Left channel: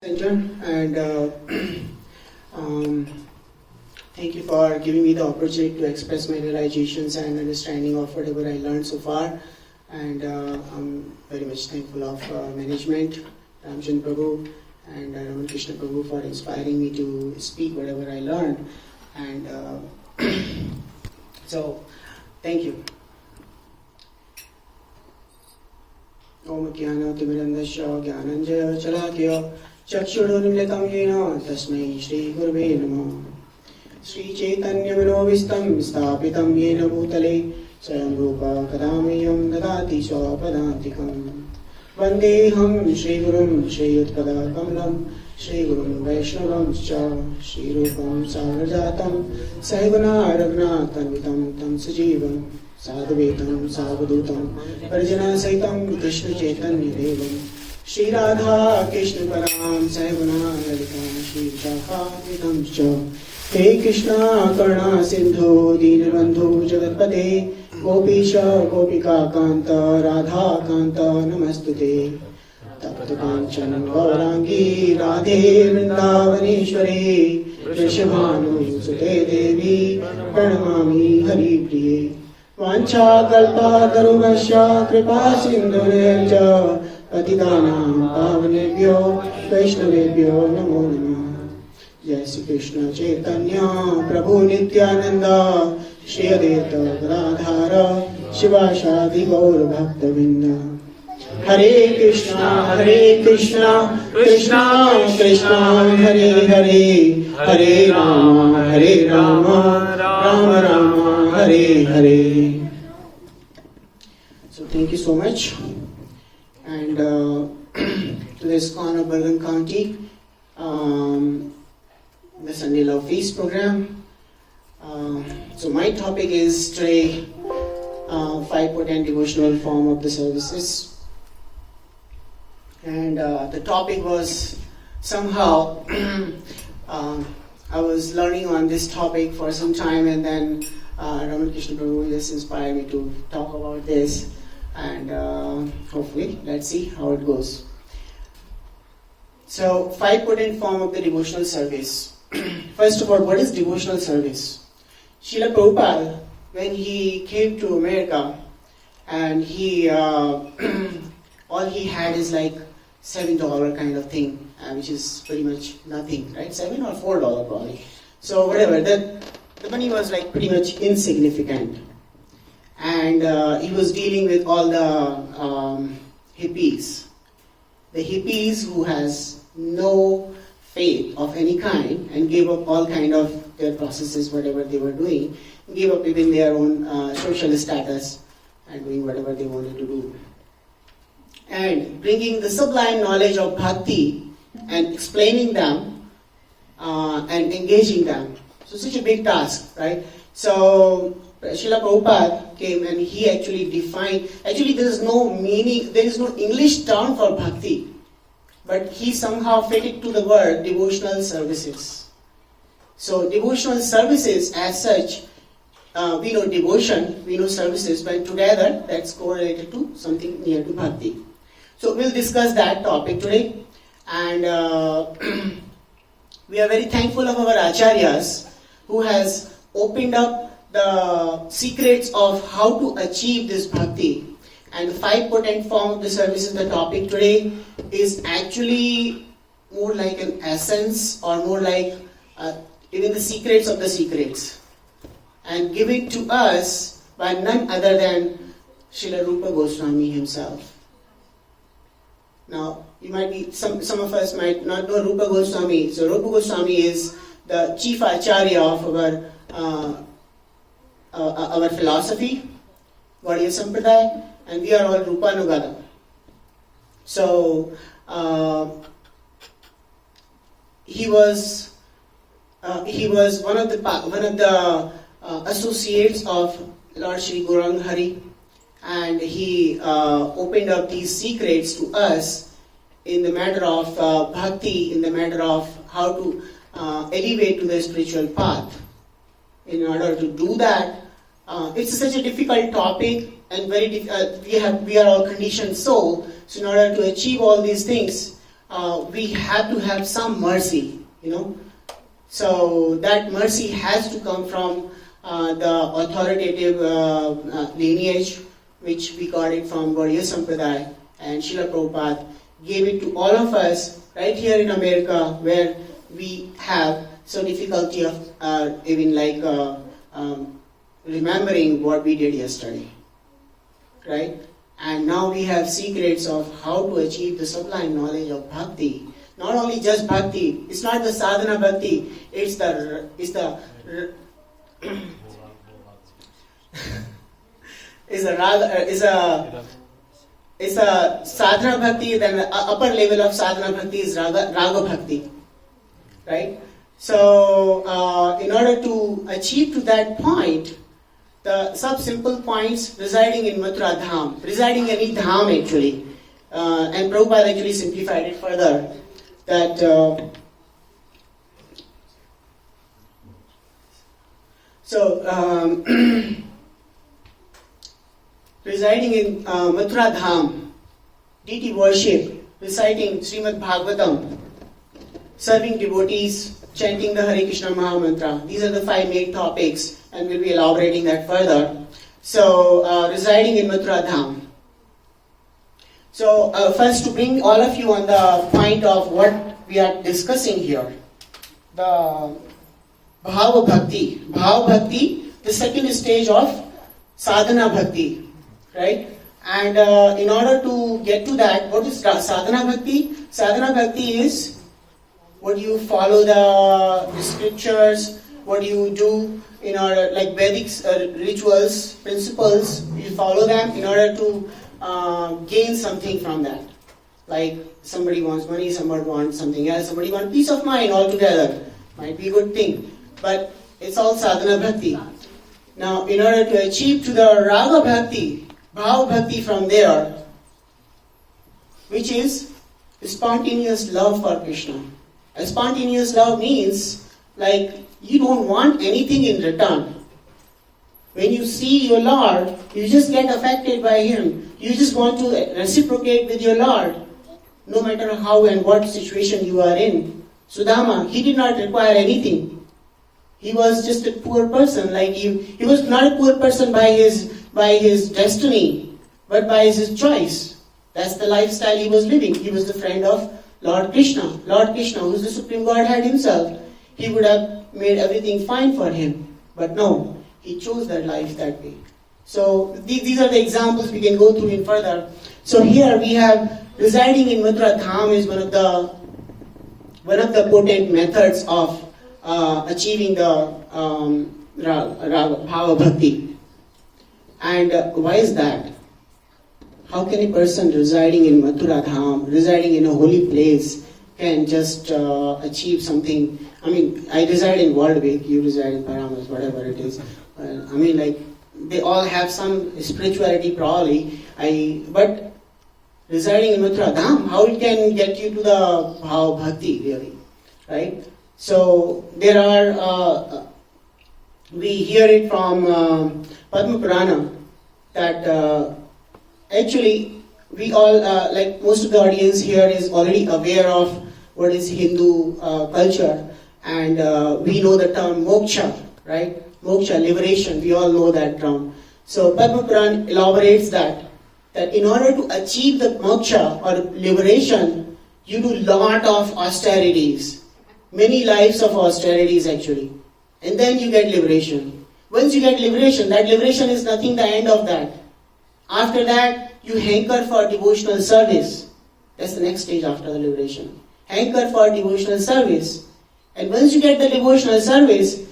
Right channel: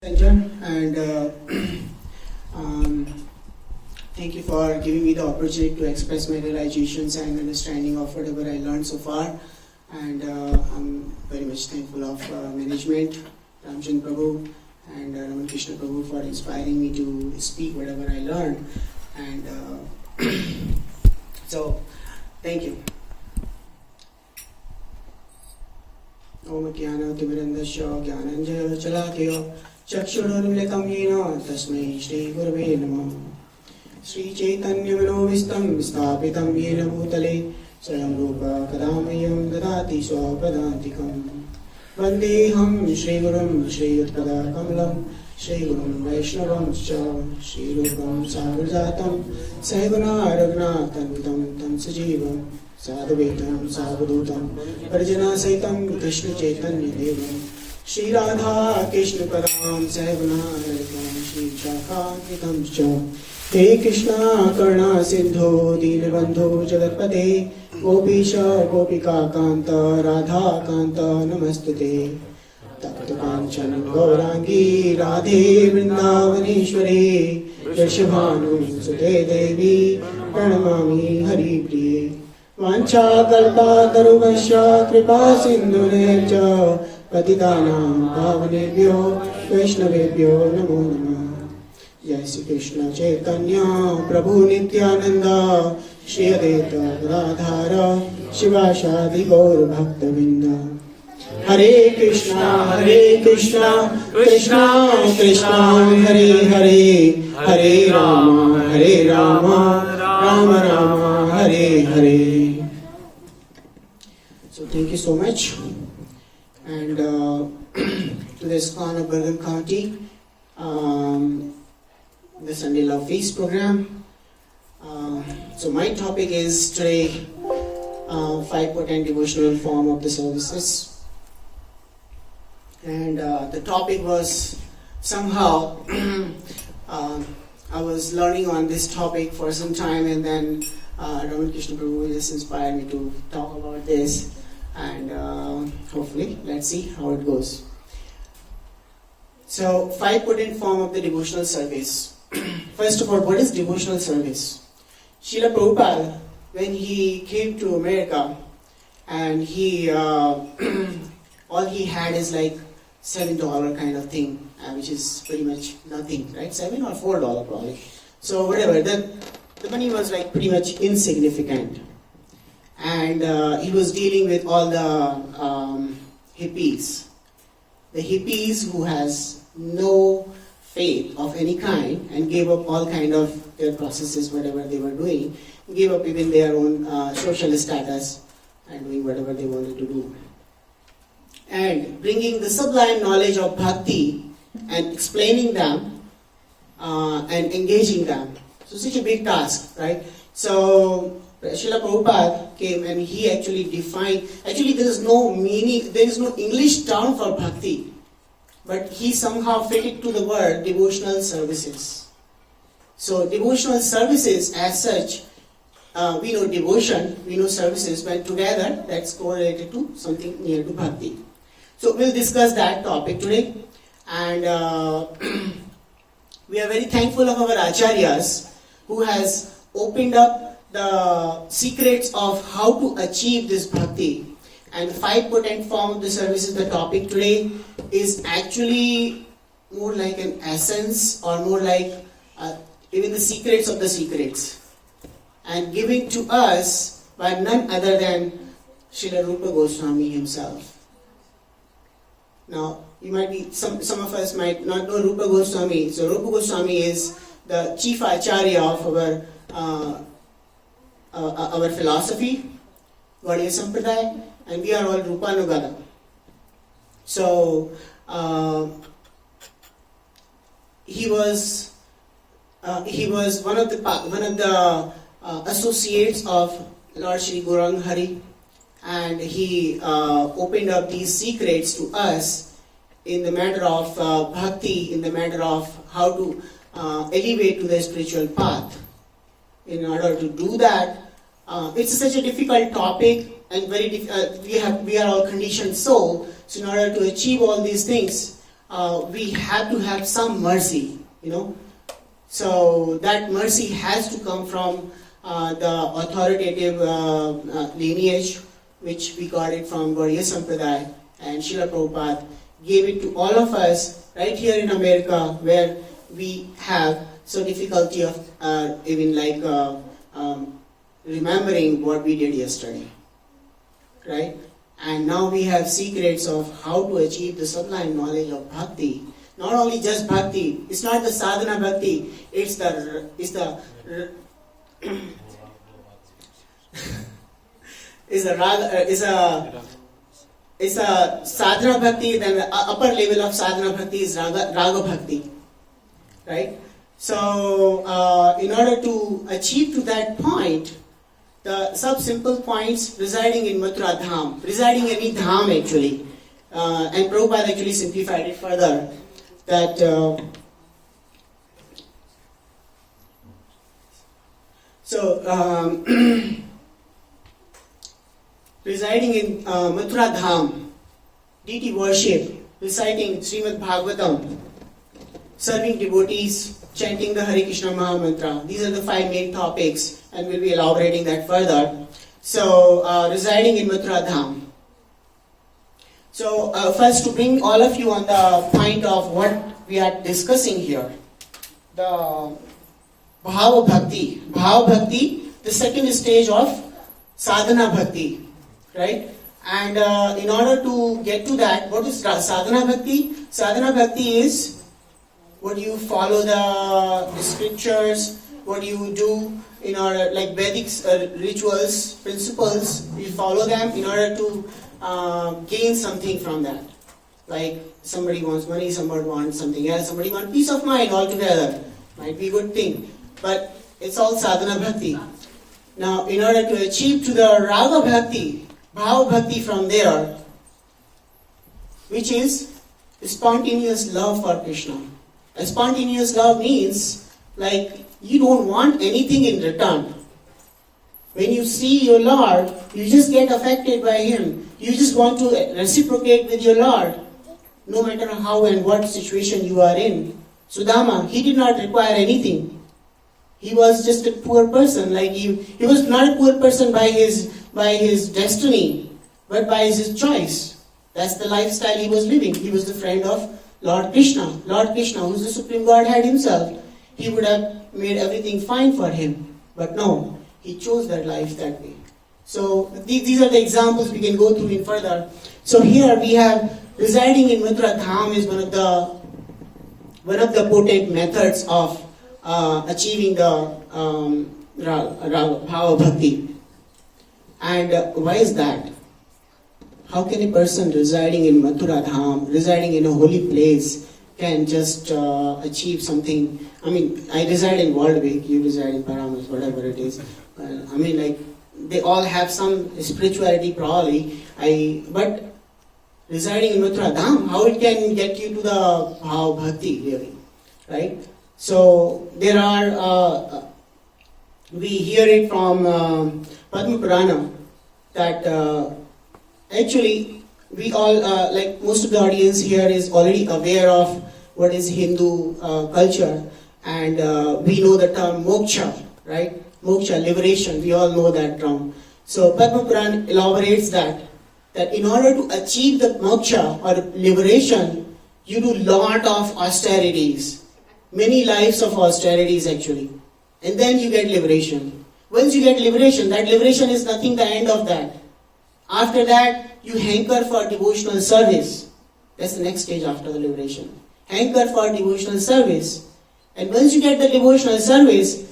Center and thank you for giving me the opportunity to express my realizations and understanding of whatever I learned so far. And I'm very much thankful of management, Ramjan Prabhu and Raman Krishna Prabhu for inspiring me to speak whatever I learned. And so, thank you. Om Jnana-timirandasya Jnananjaya Chalakaya Chakshurunmilitam Yena Tasmai Shri Gurave Namah Shri Chaitanya Manovistam Sthapitam Yena Bhutale Swayam Rupa Kadamayam Dadati Swapadantikam Vandeham Shri Gurum Shri Yatpada Kamalam Shri Gurum Vaishnavam Cha Shri Rupam Sagrajatam Sahiguna Raghunathanvitam Tam Sajivam Sadhvetam Savadutam Parjana Saitam Krishna Chaitanya Devam Shri Radha Krishna Padam Sahiguna Lalitam Shri Shakha Vitam Cha He Krishna Karna Sindhu Dinabandhu Jagatpate Gopisha Gopika Kanta Radha Kanta Namastute Tapta Kanchan Gaurangi Radhe Vrindavaneshwari Vrishabhanu Sute Devi Pranamami Hari Priye Vanchakarta Taruvasya Kripa Sindhurecha Patitanam Pavanebhyo Vaishnavebhyo Namo Namah Jai Shri Krishna Chaitanya Prabhu Nityananda Shri Advaita Gadadhara Shivashadi Gaur Bhaktavinda Hare Krishna Krishna Krishna Hare Hare Hare Rama Rama Rama Hare Hare. So thank you so much. And to the ISKCON of Bergen County, the Sunday Love Feast program. So my topic is today 5 potent devotional form of the services. And the topic was somehow I was learning on this topic for some time, and then Raman Krishna Prabhu just inspired me to talk about this, and hopefully let's see how it goes. So 5 potent form of the devotional service. First of all, what is devotional service? Srila Prabhupada, when he came to America, and he all he had is like $7 kind of thing, which is pretty much nothing, right? $7 or $4 probably. So whatever, the money was like pretty much insignificant. And he was dealing with all the hippies. The hippies who has no faith of any kind and gave up all kind of their processes, whatever they were doing, gave up even their own social status and doing whatever they wanted to do. And bringing the sublime knowledge of bhakti and explaining them and engaging them. So such a big task, right? So Srila Prabhupada came and he actually defined, actually there is no meaning, there is no English term for bhakti, but he somehow fit it to the word devotional services. So devotional services as such, we know devotion, we know services, but together that's correlated to something near to bhakti. So we'll discuss that topic today, and we are very thankful of our acharyas who has opened up the secrets of how to achieve this bhakti. And the 5 potent form of the services, the topic today is actually more like an essence, or more like even the secrets of the secrets, and given to us by none other than Srila Rupa Goswami himself. Now, you might be, some of us might not know Rupa Goswami. So Rupa Goswami is the chief acharya of our philosophy, Gaudiya Sampradaya, and we are all Rupanugada. So he was one of the associates of Lord Shri Gauranga Hari, and he opened up these secrets to us in the matter of bhakti, in the matter of how to elevate to the spiritual path. In order to do that, it's such a difficult topic, and very we are all conditioned soul. So in order to achieve all these things, we have to have some mercy, So that mercy has to come from the authoritative lineage, which we got it from Gauriya Sampradaya, and Srila Prabhupada gave it to all of us right here in America, where we have some difficulty of even remembering what we did yesterday, right? And now we have secrets of how to achieve the sublime knowledge of bhakti. Not only just bhakti, it's not the sadhana bhakti, it's the it's a sadhana bhakti. Then the upper level of sadhana bhakti is raga bhakti, right? So in order to achieve to that point, the sub-simple points residing in Mathura Dham, residing in any Dham actually, and Prabhupada actually simplified it further, that residing in Mathura Dham, deity worship, reciting Srimad Bhagavatam, serving devotees, chanting the Hare Krishna Maha Mantra. These are the 5 main topics, and we'll be elaborating that further. So, residing in Mathura Dham. So, first to bring all of you on the point of what we are discussing here, the Bhava Bhakti. Bhava Bhakti, the second stage of Sadhana Bhakti, right? And in order to get to that, what is Sadhana Bhakti? Sadhana Bhakti is what you follow the scriptures, what you do in order, like Vedic rituals, principles, you follow them in order to gain something from that. Like somebody wants money, somebody wants something else, somebody wants peace of mind altogether. Might be a good thing, but it's all sadhana bhakti. Now, in order to achieve to the raga bhakti, bhava bhakti from there, which is spontaneous love for Krishna. A spontaneous love means like you don't want anything in return. When you see your Lord, you just get affected by Him. You just want to reciprocate with your Lord, no matter how and what situation you are in. Sudama, he did not require anything. He was just a poor person like you. He was not a poor person by his destiny, but by his choice. That's the lifestyle he was living. He was the friend of Lord Krishna. Lord Krishna, who is the Supreme Godhead himself. He would have made everything fine for him. But no, he chose that life that way. So these are the examples we can go through in further. So here we have residing in Mathura Dham is one of the potent methods of achieving the Bhava Bhakti. And why is that? How can a person residing in Mathura Dham, residing in a holy place, can just achieve something? I mean, I reside in Waldwick, you reside in Paramas, whatever it is. They all have some spirituality probably. But residing in Mathura Dham, how it can get you to the Bhava Bhakti really, right? So there are, we hear it from Padma Purana that actually we all, like most of the audience here is already aware of what is Hindu culture, and we know the term moksha, right? Moksha, liberation, we all know that term. So Padma Purana elaborates that in order to achieve the moksha or liberation, you do lot of austerities, many lives of austerities actually, and then you get liberation. Once you get liberation, that liberation is nothing the end of that. After that, you hanker for devotional service. That's the next stage after the liberation. Hanker for devotional service. And once you get the devotional service,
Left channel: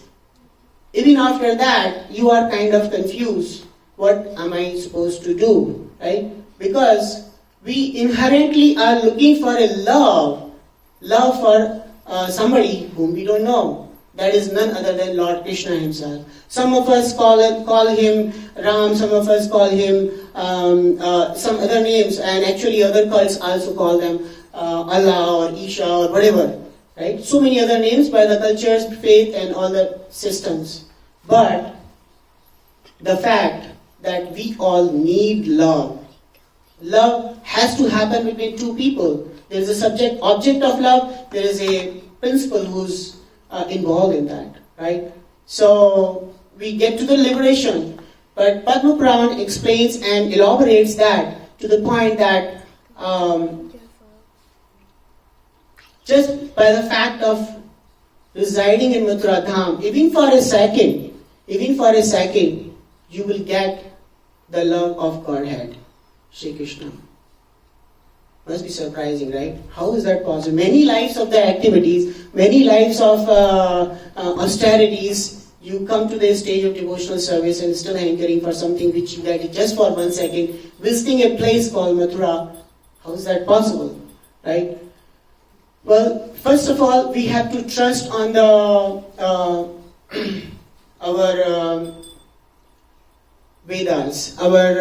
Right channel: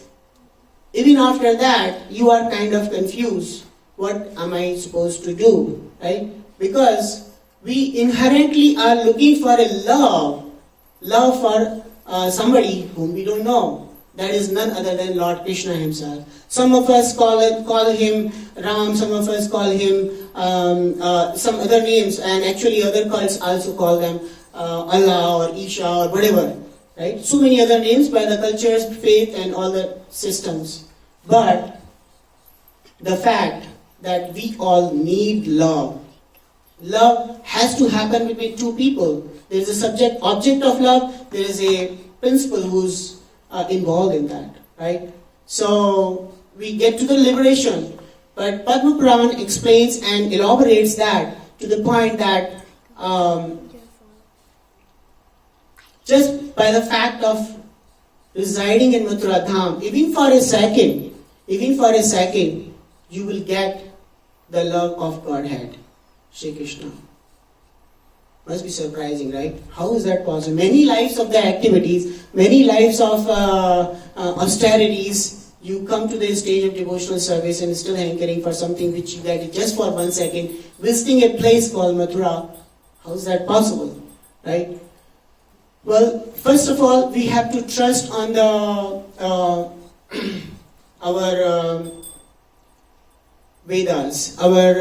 even after that, you are kind of confused. What am I supposed to do? Right? Because we inherently are looking for a love for somebody whom we don't know. That is none other than Lord Krishna himself. Some of us call him Ram, some of us call him some other names, and actually other cults also call them Allah or Isha or whatever. Right? So many other names by the cultures, faith, and all the systems. But the fact that we all need love. Love has to happen between two people. There is a subject, object of love. There is a principle who's involved in that, right? So we get to the liberation, but Padma Puran explains and elaborates that to the point that just by the fact of residing in Mathura Dham, even for a second, you will get the love of Godhead, Shri Krishna. Must be surprising, right? How is that possible? Many lives of the activities, many lives of austerities, you come to the stage of devotional service and still hankering for something which you get just for 1 second, visiting a place called Mathura. How is that possible, right? Well, first of all, we have to trust on our Vedas, our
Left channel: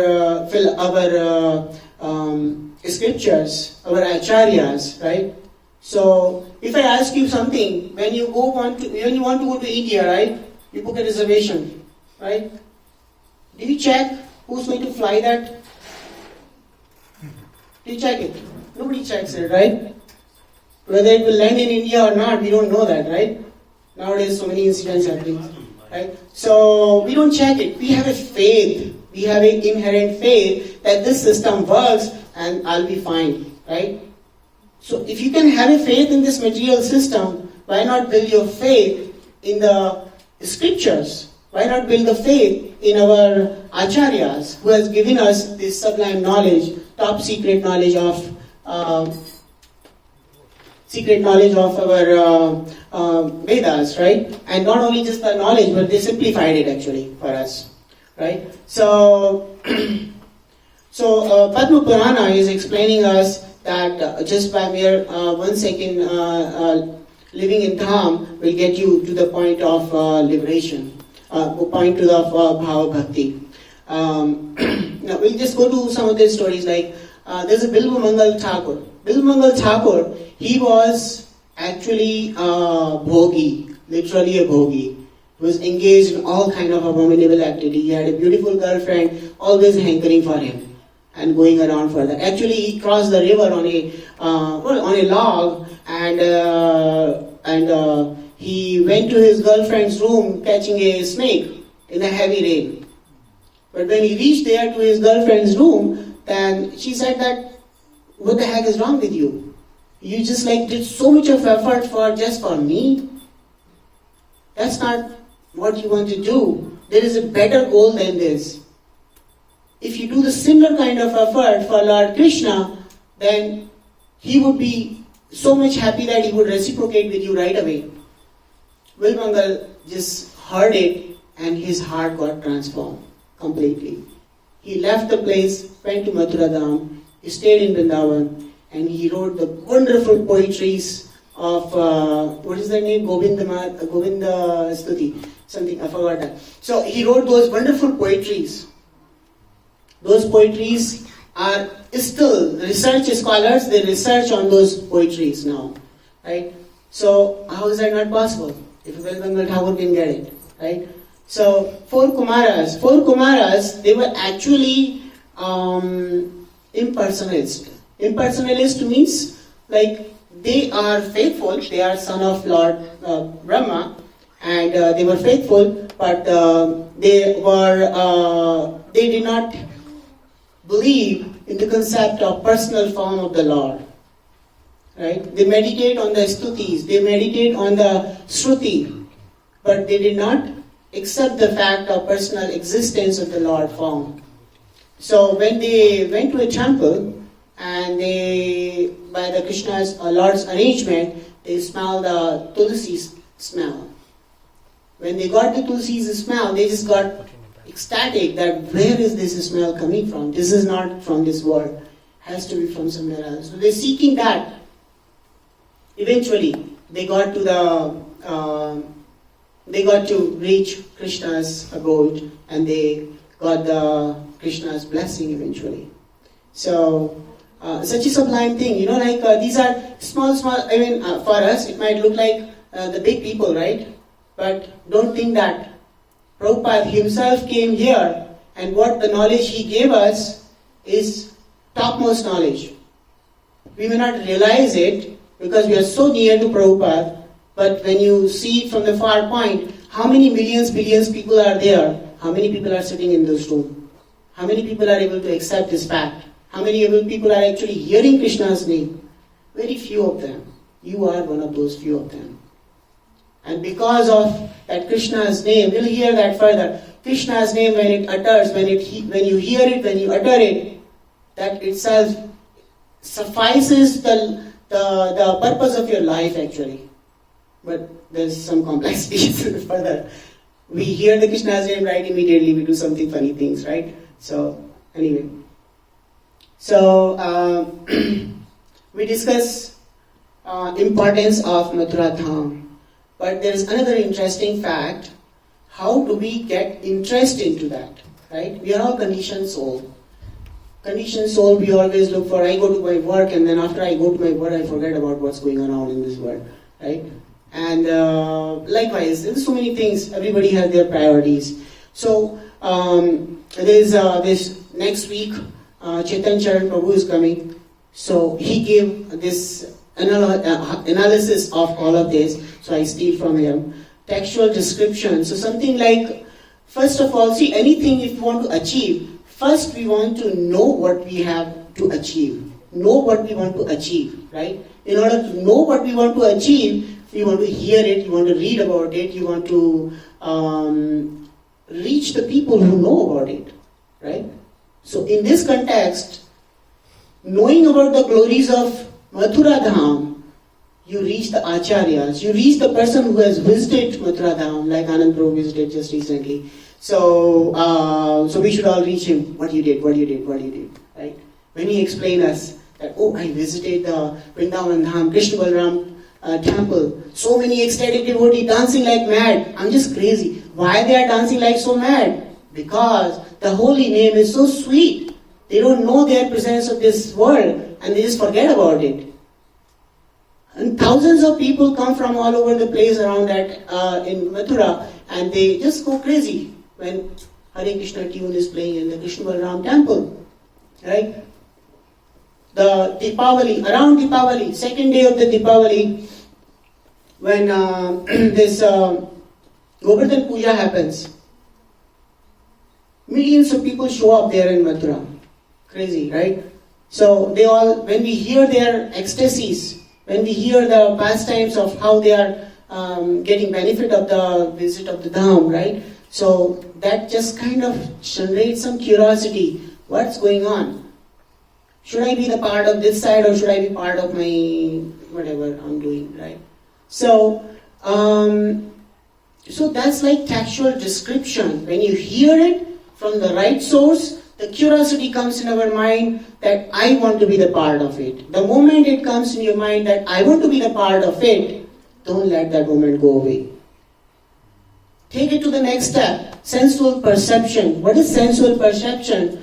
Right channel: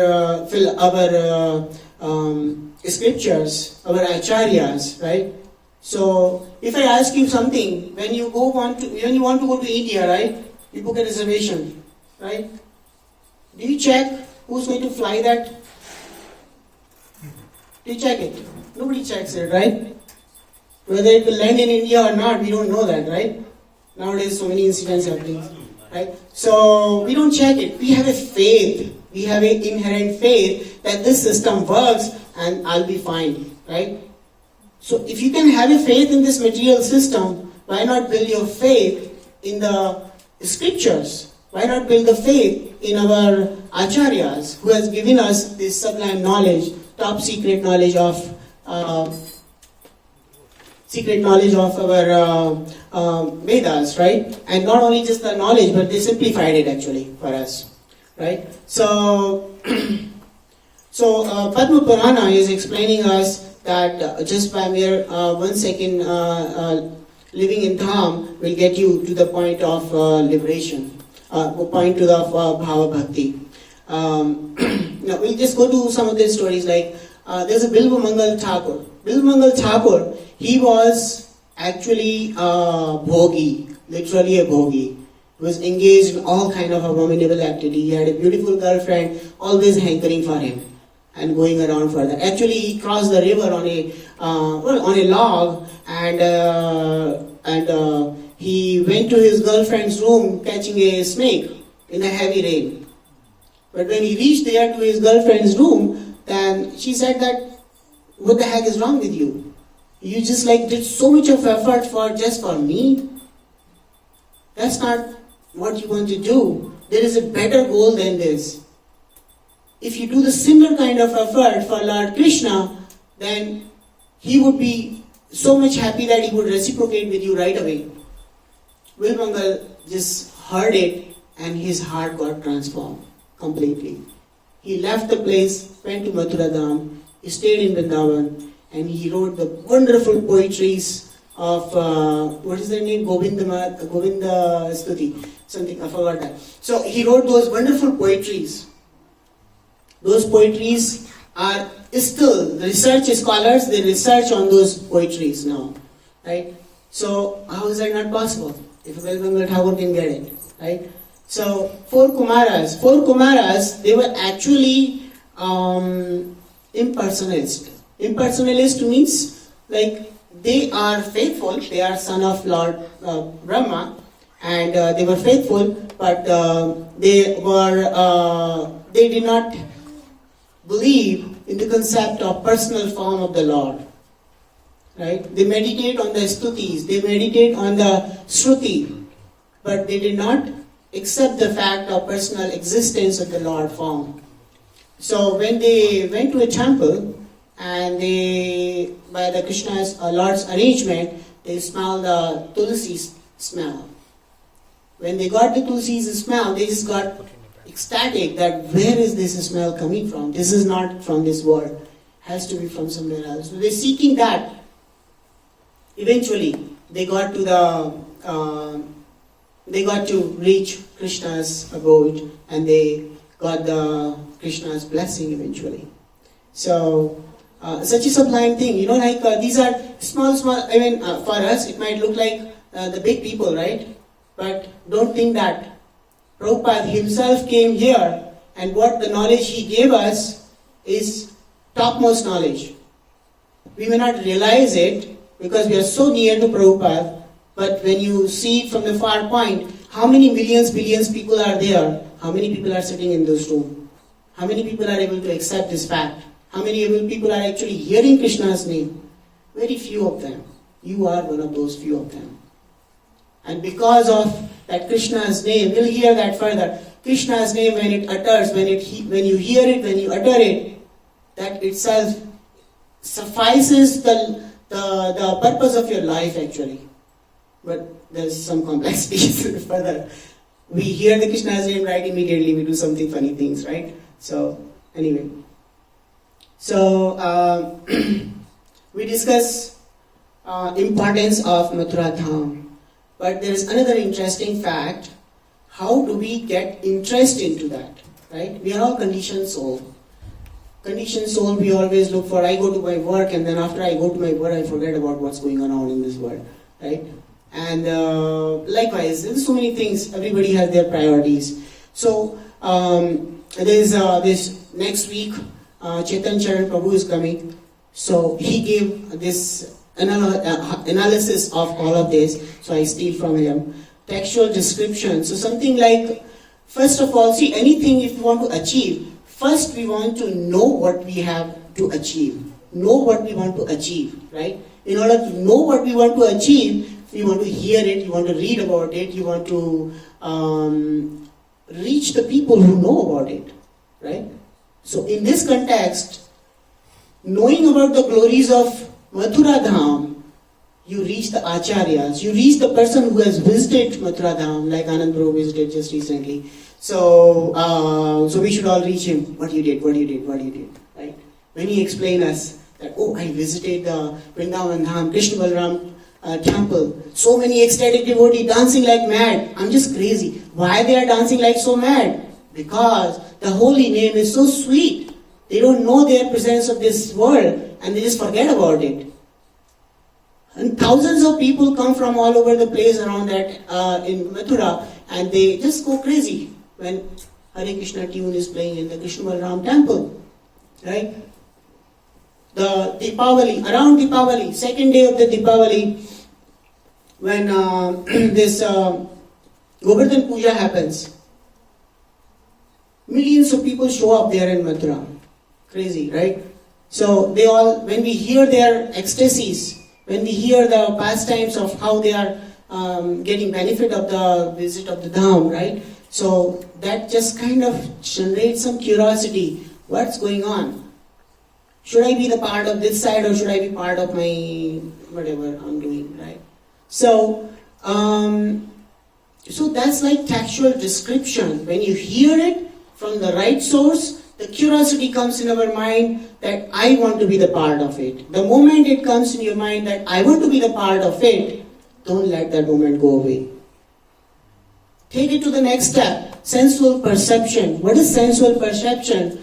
scriptures, our acharyas, right? So, if I ask you something, when you want to go to India, right? You book a reservation, right? Do you check who's going to fly that? Do you check it? Nobody checks it, right? Whether it will land in India or not, we don't know that, right? Nowadays, so many incidents happening, right? So, we don't check it. We have a faith. We have an inherent faith that this system works and I'll be fine, right? So, if you can have a faith in this material system, why not build your faith in the scriptures? Why not build the faith in our acharyas who has given us this sublime knowledge, top secret knowledge of our Vedas, right? And not only just the knowledge, but they simplified it actually for us, right? So, Padma Purana is explaining us that just by mere 1 second living in Dham will get you to the point of liberation, point to the Bhava Bhakti. Now we'll just go to some of these stories. Like there's a Bilbo Mangal Thakur. Bilbo Mangal Thakur, he was actually a bhogi, literally a bhogi. He was engaged in all kind of abominable activity. He had a beautiful girlfriend, always hankering for him and going around for that. Actually, he crossed the river on a log, and he went to his girlfriend's room catching a snake in a heavy rain. But when he reached there to his girlfriend's room, then she said that, what the heck is wrong with you? You just did so much of effort just for me. That's not what you want to do. There is a better goal than this. If you do the similar kind of effort for Lord Krishna, then he would be so much happy that he would reciprocate with you right away. Will Mangal just heard it and his heart got transformed completely. He left the place, went to Mathura Dham, he stayed in Vrindavan, and he wrote the wonderful poetries of, what is their name? Govinda Stuti. Something, I forgot that. So he wrote those wonderful poetries. Those poetries are still, research scholars, they research on those poetries now, right? So how is that not possible? If Bengal Thakur can get it, right? So four Kumaras, they were actually impersonalist. Impersonalist means they are faithful, they are son of Lord Brahma, and they were faithful, but they did not believe in the concept of personal form of the Lord. Right? They meditate on the stutis, they meditate on the shruti, but they did not accept the fact of personal existence of the Lord form. So when they went to a temple and they, by the Krishna's Lord's arrangement, they smelled the tulsi smell. When they got the tulsi's smell, they just got ecstatic that where is this smell coming from? This is not from this world. Has to be from somewhere else. So they're seeking that. Eventually, they got to reach Krishna's abode, and they got the Krishna's blessing eventually. So, such a sublime thing, these are small, for us it might look like the big people, right? But don't think that. Prabhupada himself came here, and what the knowledge he gave us is topmost knowledge. we may not realize it because we are so near to Prabhupada, but when you see it from the far point, how many millions, billions people are there? How many people are sitting in this room? How many people are able to accept this fact? How many people are actually hearing Krishna's name? Very few of them. You are one of those few of them. And because of that Krishna's name, we'll hear that further. Krishna's name, when it utters, when you hear it, when you utter it, that itself suffices the purpose of your life actually. But there's some complexities further. We hear the Krishna's name, right, immediately we do something funny things, right? So, anyway. So, we discuss importance of Mathura Dham. But there is another interesting fact. How do we get interest into that, right? We are all conditioned soul. Conditioned soul, we always look for, I go to my work and then after I go to my work, I forget about what's going on in this world, right? And likewise, there's so many things, everybody has their priorities. So, there's this next week, Chetan Charan Prabhu is coming. So, he gave this analysis of all of this. So, I steal from him. Textual description. So, something like, first of all, see, anything if you want to achieve, first we want to know what we have to achieve. Know what we want to achieve, right? In order to know what we want to achieve, you want to hear it, you want to read about it, you want to reach the people who know about it, right? So in this context, knowing about the glories of Mathura Dham, you reach the acharyas, you reach the person who has visited Mathura Dham, like Anand Prabhu visited just recently. So we should all reach him. What you did, right? When he explained us that, oh, I visited the Vrindavan Dham, Krishna Balram temple. So many ecstatic devotees dancing like mad. I'm just crazy. Why they are dancing like so mad? Because the holy name is so sweet. They don't know their presence of this world and they just forget about it. And thousands of people come from all over the place around that in Mathura and they just go crazy when Hare Krishna tune is playing in the Krishna Balram temple. Right? The Deepavali, around Deepavali, second day of the Deepavali, when this Govardhan Puja happens, millions of people show up there in Mathura. Crazy, right? So they all, when we hear their ecstasies, when we hear the pastimes of how they are getting benefit of the visit of the Dham, right? So that just kind of generates some curiosity. What's going on? Should I be the part of this side or should I be part of my whatever I'm doing, right? So, so that's like textual description. When you hear it from the right source, the curiosity comes in our mind that I want to be the part of it. The moment it comes in your mind that I want to be the part of it, don't let that moment go away. Take it to the next step. Sensual perception. What is sensual perception?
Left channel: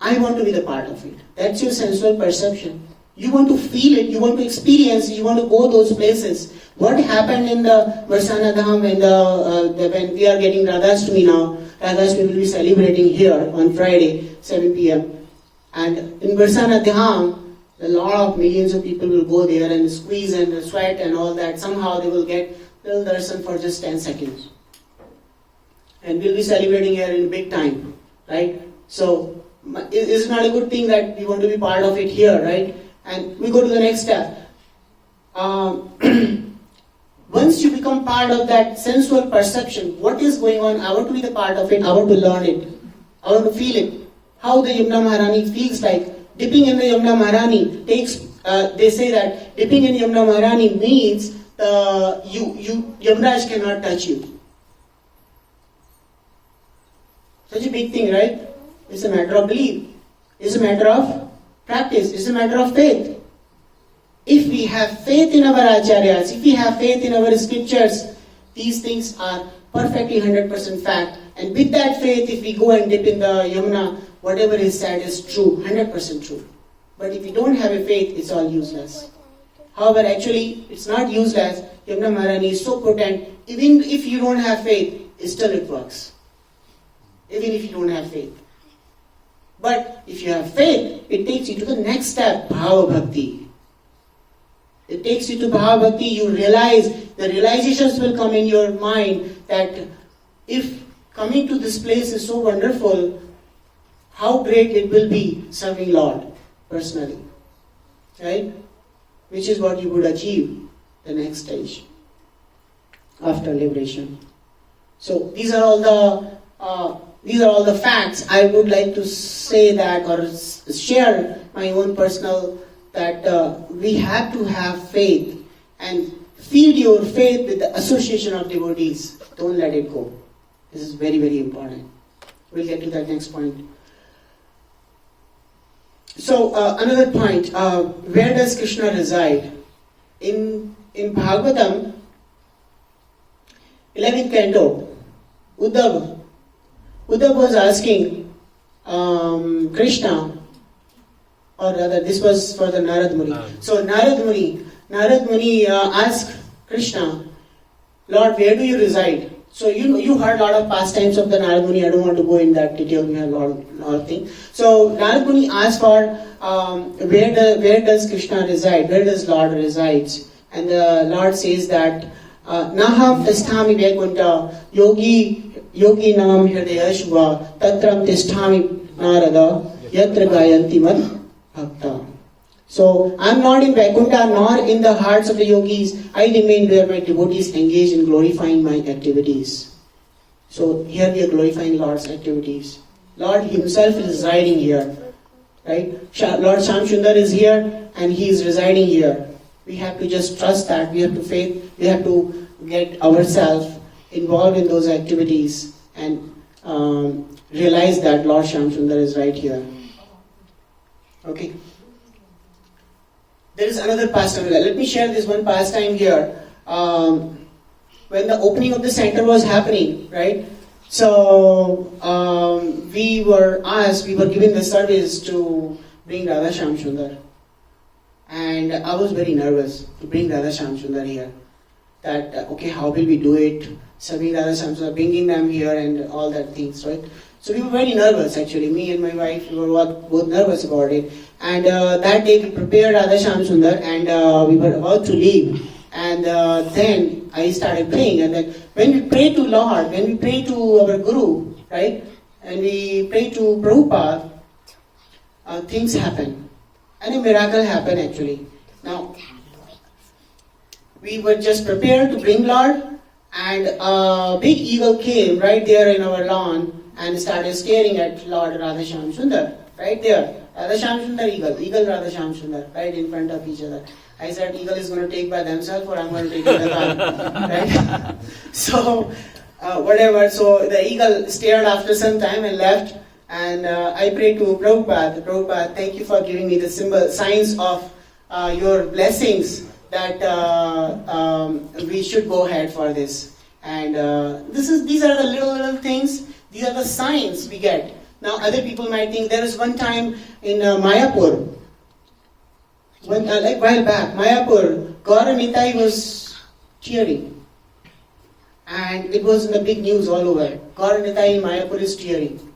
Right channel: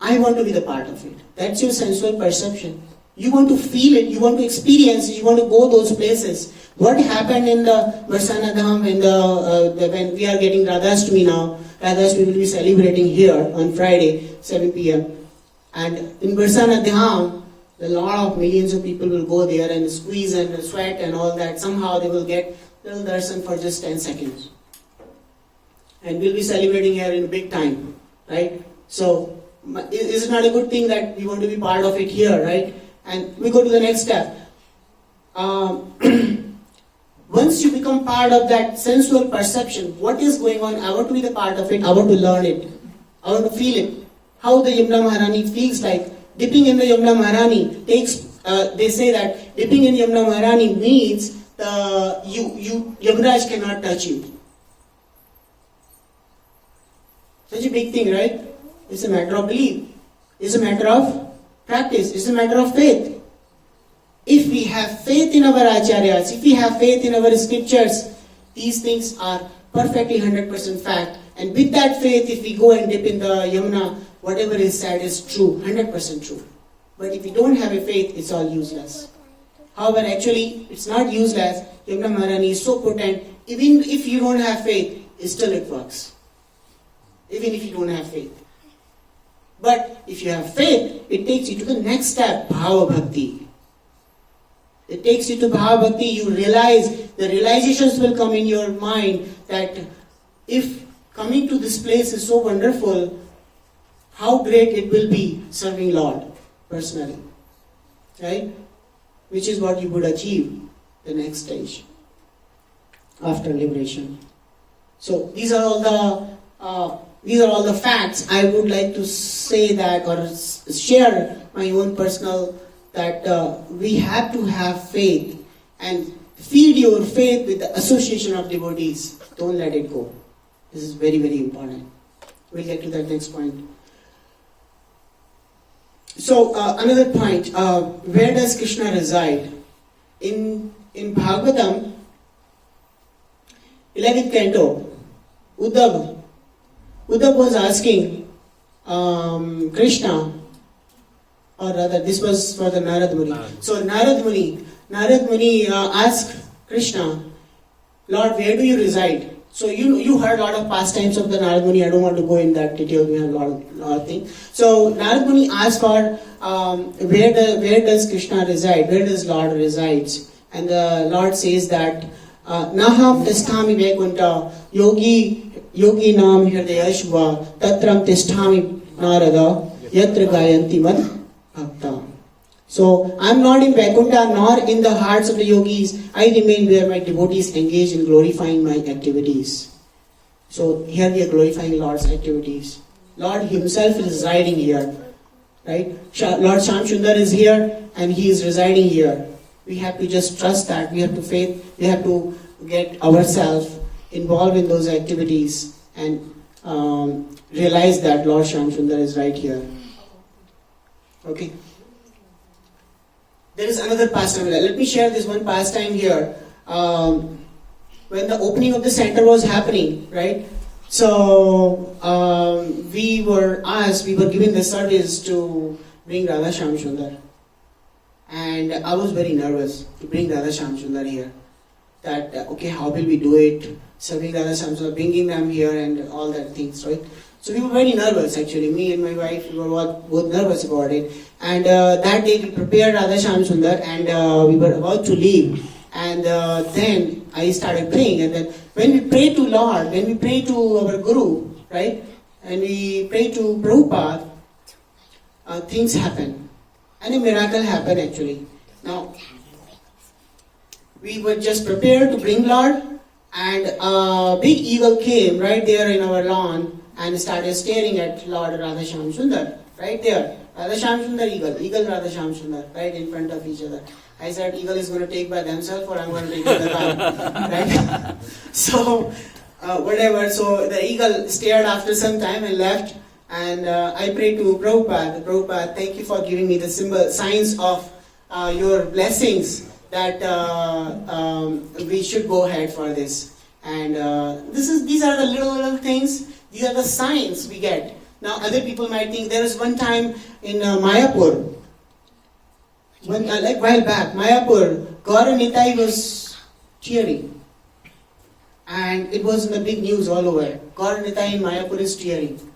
I want to be the part of it. That's your sensual perception. You want to feel it, you want to experience it, you want to go those places. What happened in the Varsana Dham when we are getting Radhashtami now? Radhashtami will be celebrating here on Friday, 7 p.m. And in Varsana Dham, a lot of millions of people will go there and squeeze and sweat and all that. Somehow they will get little darshan for just 10 seconds. And we'll be celebrating here in big time, right? So, is it not a good thing that we want to be part of it here, right? And we go to the next step. Once you become part of that sensual perception, what is going on? I want to be the part of it. I want to learn it. I want to feel it. How the Yamuna Maharani feels like. Dipping in the Yamuna Maharani takes. They say that dipping in Yamuna Maharani means Yamaraj cannot touch you. Such a big thing, right? It's a matter of belief. It's a matter of practice. It's a matter of faith. If we have faith in our acharyas, if we have faith in our scriptures, these things are perfectly 100% fact. And with that faith, if we go and dip in the Yamuna, whatever is said is true, 100% true. But if we don't have a faith, it's all useless. However, actually, it's not useless. Yamuna Maharani is so potent, even if you don't have faith, still it works. Even if you don't have faith. But if you have faith, it takes you to the next step, Bhava Bhakti. It takes you to Bhava Bhakti. You realize, the realizations will come in your mind that if coming to this place is so wonderful, how great it will be serving Lord personally. Right? Which is what you would achieve the next stage after liberation. So these are all the facts. I would like to say that or share my own personal that we have to have faith and feed your faith with the association of devotees. Don't let it go. This is very, very important. We'll get to that next point. So another point, where does Krishna reside? In Bhagavatam, 11th canto, Uddhav was asking Krishna, or rather this was for the Narad Muni. So Narad Muni asked Krishna, Lord, where do you reside? So you heard a lot of pastimes of the Narad Muni. I don't want to go in that detail. We have a lot of things. So Narad Muni asked for where does Krishna reside? Where does Lord resides? And the Lord says that Naham tisthami Vaikuntha yogi nam hridayashva tatram tisthami narada yatra gayanti mad bhakta. So I am not in Vaikuntha nor in the hearts of the yogis. I remain where my devotees engage in glorifying my activities. So here we are glorifying Lord's activities. Lord Himself is residing here. Right? Lord Shamsundar is here and He is residing here. We have to just trust that. We have to faith. We have to get ourselves involved in those activities and realize that Lord Shamsundar is right here. Okay. There is another pastime. Let me share this one pastime here. When the opening of the center was happening, right? So we were given the service to bring Radha Shamsundar. And I was very nervous to bring Radha Shamsundar here. That, okay, how will we do it? Serving Radha Shamsundar, bringing them here and all that things, right? So we were very nervous actually. Me and my wife, we were both nervous about it. And that day we prepared Radha Shamsundar and we were about to leave. And then I started praying. And then when we pray to Lord, when we pray to our Guru, right? And we pray to Prabhupada, things happen. And a miracle happened actually. Now, we were just prepared to bring Lord, and a big eagle came right there in our lawn and started staring at Lord Radha Shamsundar, right there. Radha Shamsundar, eagle Radha Shamsundar, right in front of each other. I said, eagle is going to take by themselves or I'm going to take it alone, right? So, whatever. So the eagle stared after some time and left. And I prayed to Prabhupada. Prabhupada, thank you for giving me the signs of your blessings that we should go ahead for this. And these are the little things. These are the signs we get. Now, other people might think there was one time in Mayapur, like a while back, Mayapur, Gaura Nitai was tearing. And it was in the big news all over. Gaura Nitai in Mayapur is tearing.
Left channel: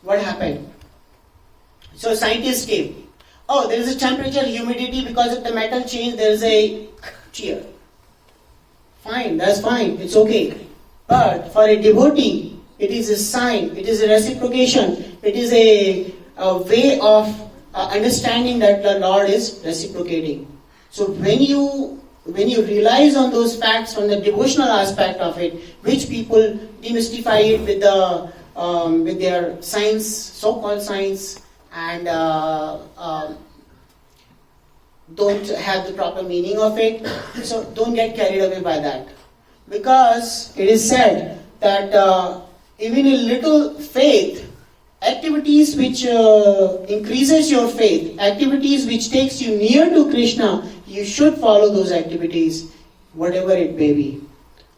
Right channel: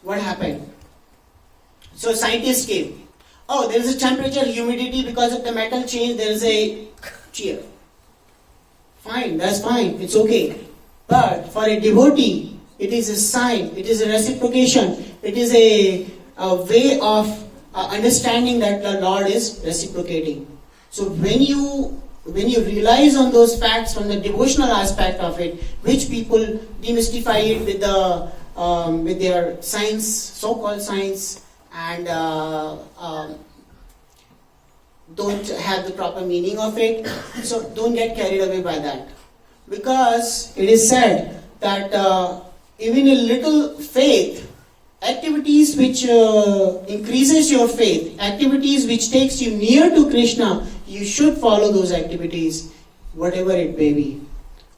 What happened? So scientists came. Oh, there is a temperature, humidity, because of the metal change, there is a tear. Fine, that's fine, it's okay. But for a devotee, it is a sign, it is a reciprocation, it is a way of understanding that the Lord is reciprocating. So when you realize on those facts from the devotional aspect of it, which people demystify it with their science, so-called science, and don't have the proper meaning of it. So don't get carried away by that. Because it is said that even a little faith, activities which increases your faith, activities which takes you near to Krishna, you should follow those activities, whatever it may be.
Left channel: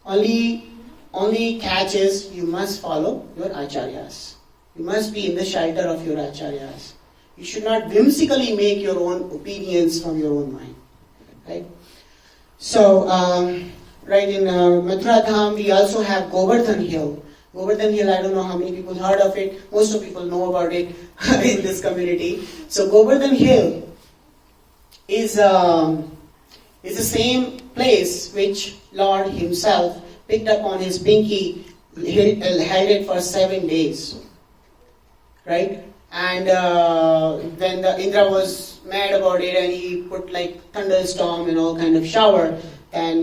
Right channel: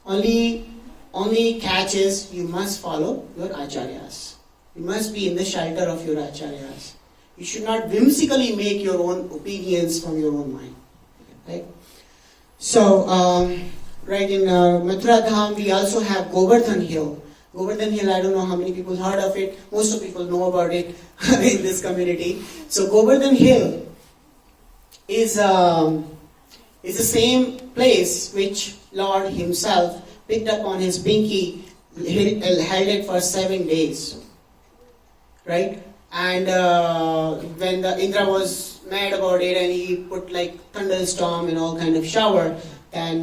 Only catch is you must follow your acharyas. You must be in the shelter of your acharyas. You should not whimsically make your own opinions from your own mind. Right? So, right in Mathura Dham, we also have Govardhan Hill. Govardhan Hill, I don't know how many people heard of it. Most of people know about it in this community. So Govardhan Hill is the same place which Lord himself picked up on his pinky, held it for 7 days. Right? And when the Indra was mad about it and he put like thunderstorm and all kind of shower, then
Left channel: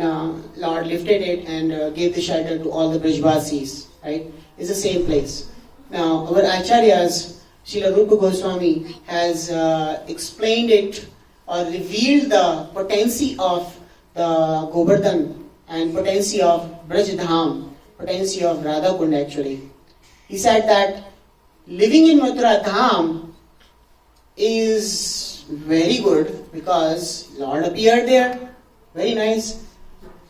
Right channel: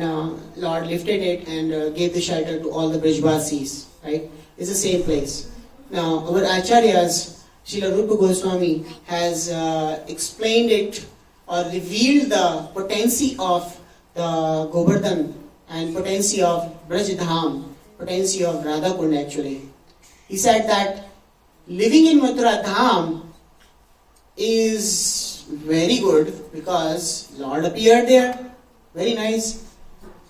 Lord lifted it and gave the shelter to all the Brijvasis. Right? It's the same place. Now, our Acharyas, Srila Rupa Goswami, has explained it or revealed the potency of the Govardhan and potency of Braj-dham, potency of Radha Kund actually. He said that living in Mathura Dham is very good because Lord appeared there, very nice.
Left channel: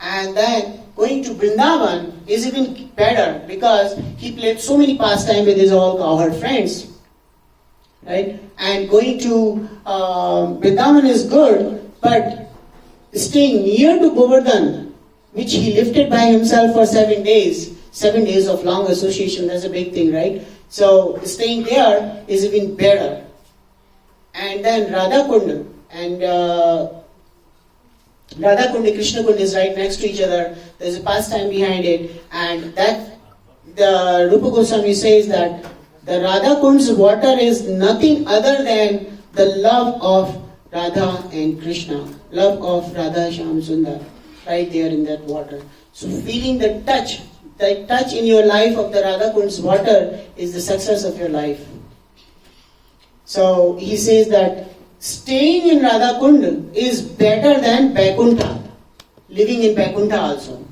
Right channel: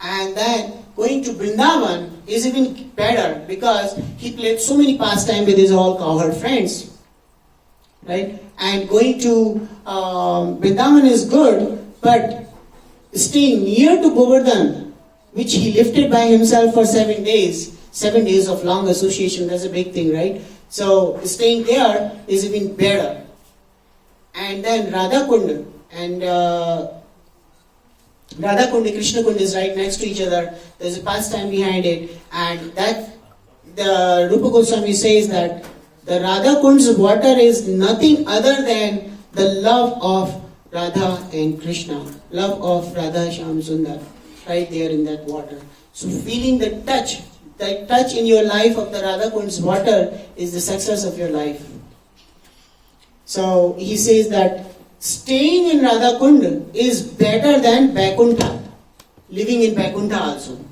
And then going to Vrindavan is even better because he played so many pastimes with his all cowherd friends. Right? And going to Vrindavan is good, but staying near to Govardhan, which he lifted by himself for 7 days, 7 days of long association, that's a big thing, right? So staying there is even better. And then Radha Kund and Radha Kund, Krishna Kund is right next to each other. There's a pastime behind it, and that the Rupa Goswami says that the Radha Kund's water is nothing other than the love of Radha and Krishna, love of Radha Shyam Sundar, right there in that water. So feeling the touch in your life of the Radha Kund's water is the success of your life. So he says that staying in Radha Kund is better than Vaikuntha, living in Vaikuntha also.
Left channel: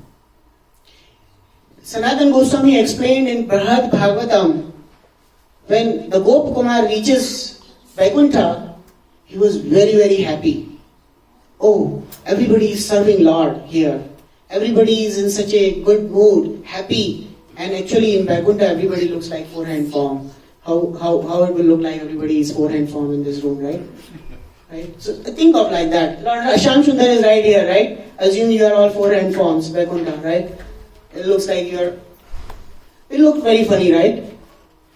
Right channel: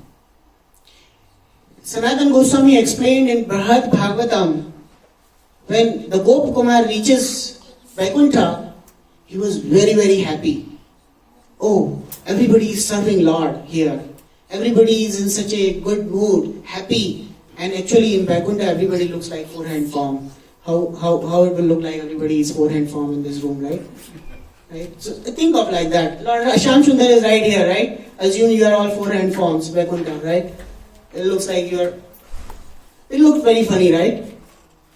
Sanatana Goswami explained in Brihad Bhagavatam, when the Gopakumar reaches Vaikuntha, he was very, very happy. Oh, everybody is serving Lord here. Everybody is in such a good mood, happy. And actually in Vaikuntha, everybody looks like four-hand form. How it will look like everybody is four-hand form in this room, right? Right? So think of like that. Lord Shyam Sundar is right here, right? Assume you are all four-hand forms, Vaikuntha, right? It looks like it looks very funny, right?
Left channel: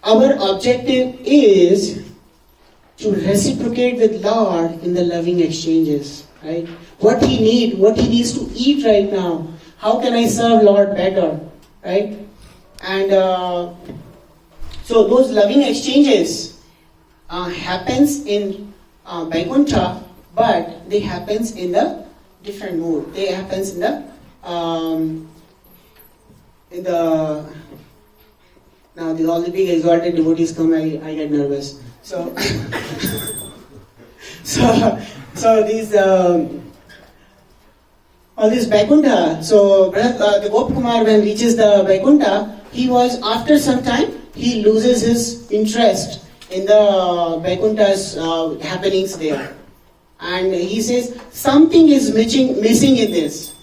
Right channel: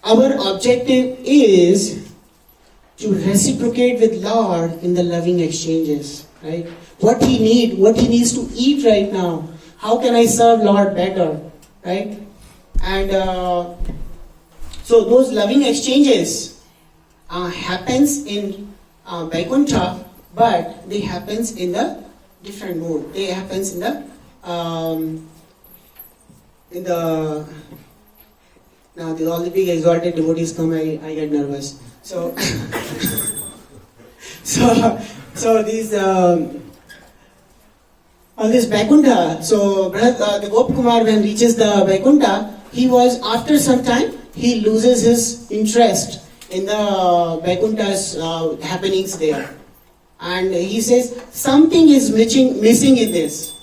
Our objective is to reciprocate with Lord in the loving exchanges, right? What he needs to eat right now. How can I serve Lord better, right? And so those loving exchanges happens in Vaikuntha, but they happens in the different mood. They happens in the now all the big exalted devotees come, I get nervous. So these all this Vaikuntha. So the Gopakumar, when reaches the Vaikuntha, he was after some time he loses his interest in the Vaikuntha's happenings there, and he says something is missing in this.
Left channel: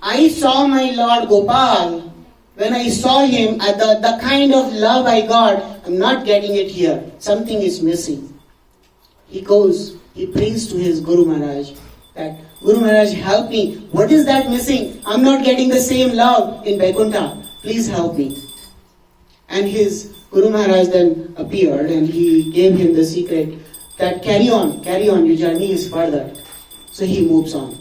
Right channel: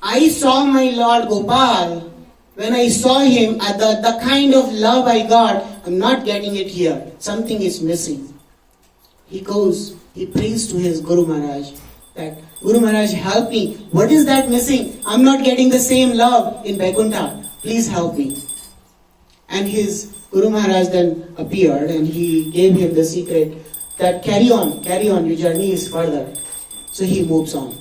I saw my Lord Gopal. When I saw him, the kind of love I got, I'm not getting it here. Something is missing. He goes, he prays to his Guru Maharaj that, Guru Maharaj, help me. What is that missing? I'm not getting the same love in Vaikuntha. Please help me. And his Guru Maharaj then appeared and he gave him the secret that carry on, your journey is further. So he moves on.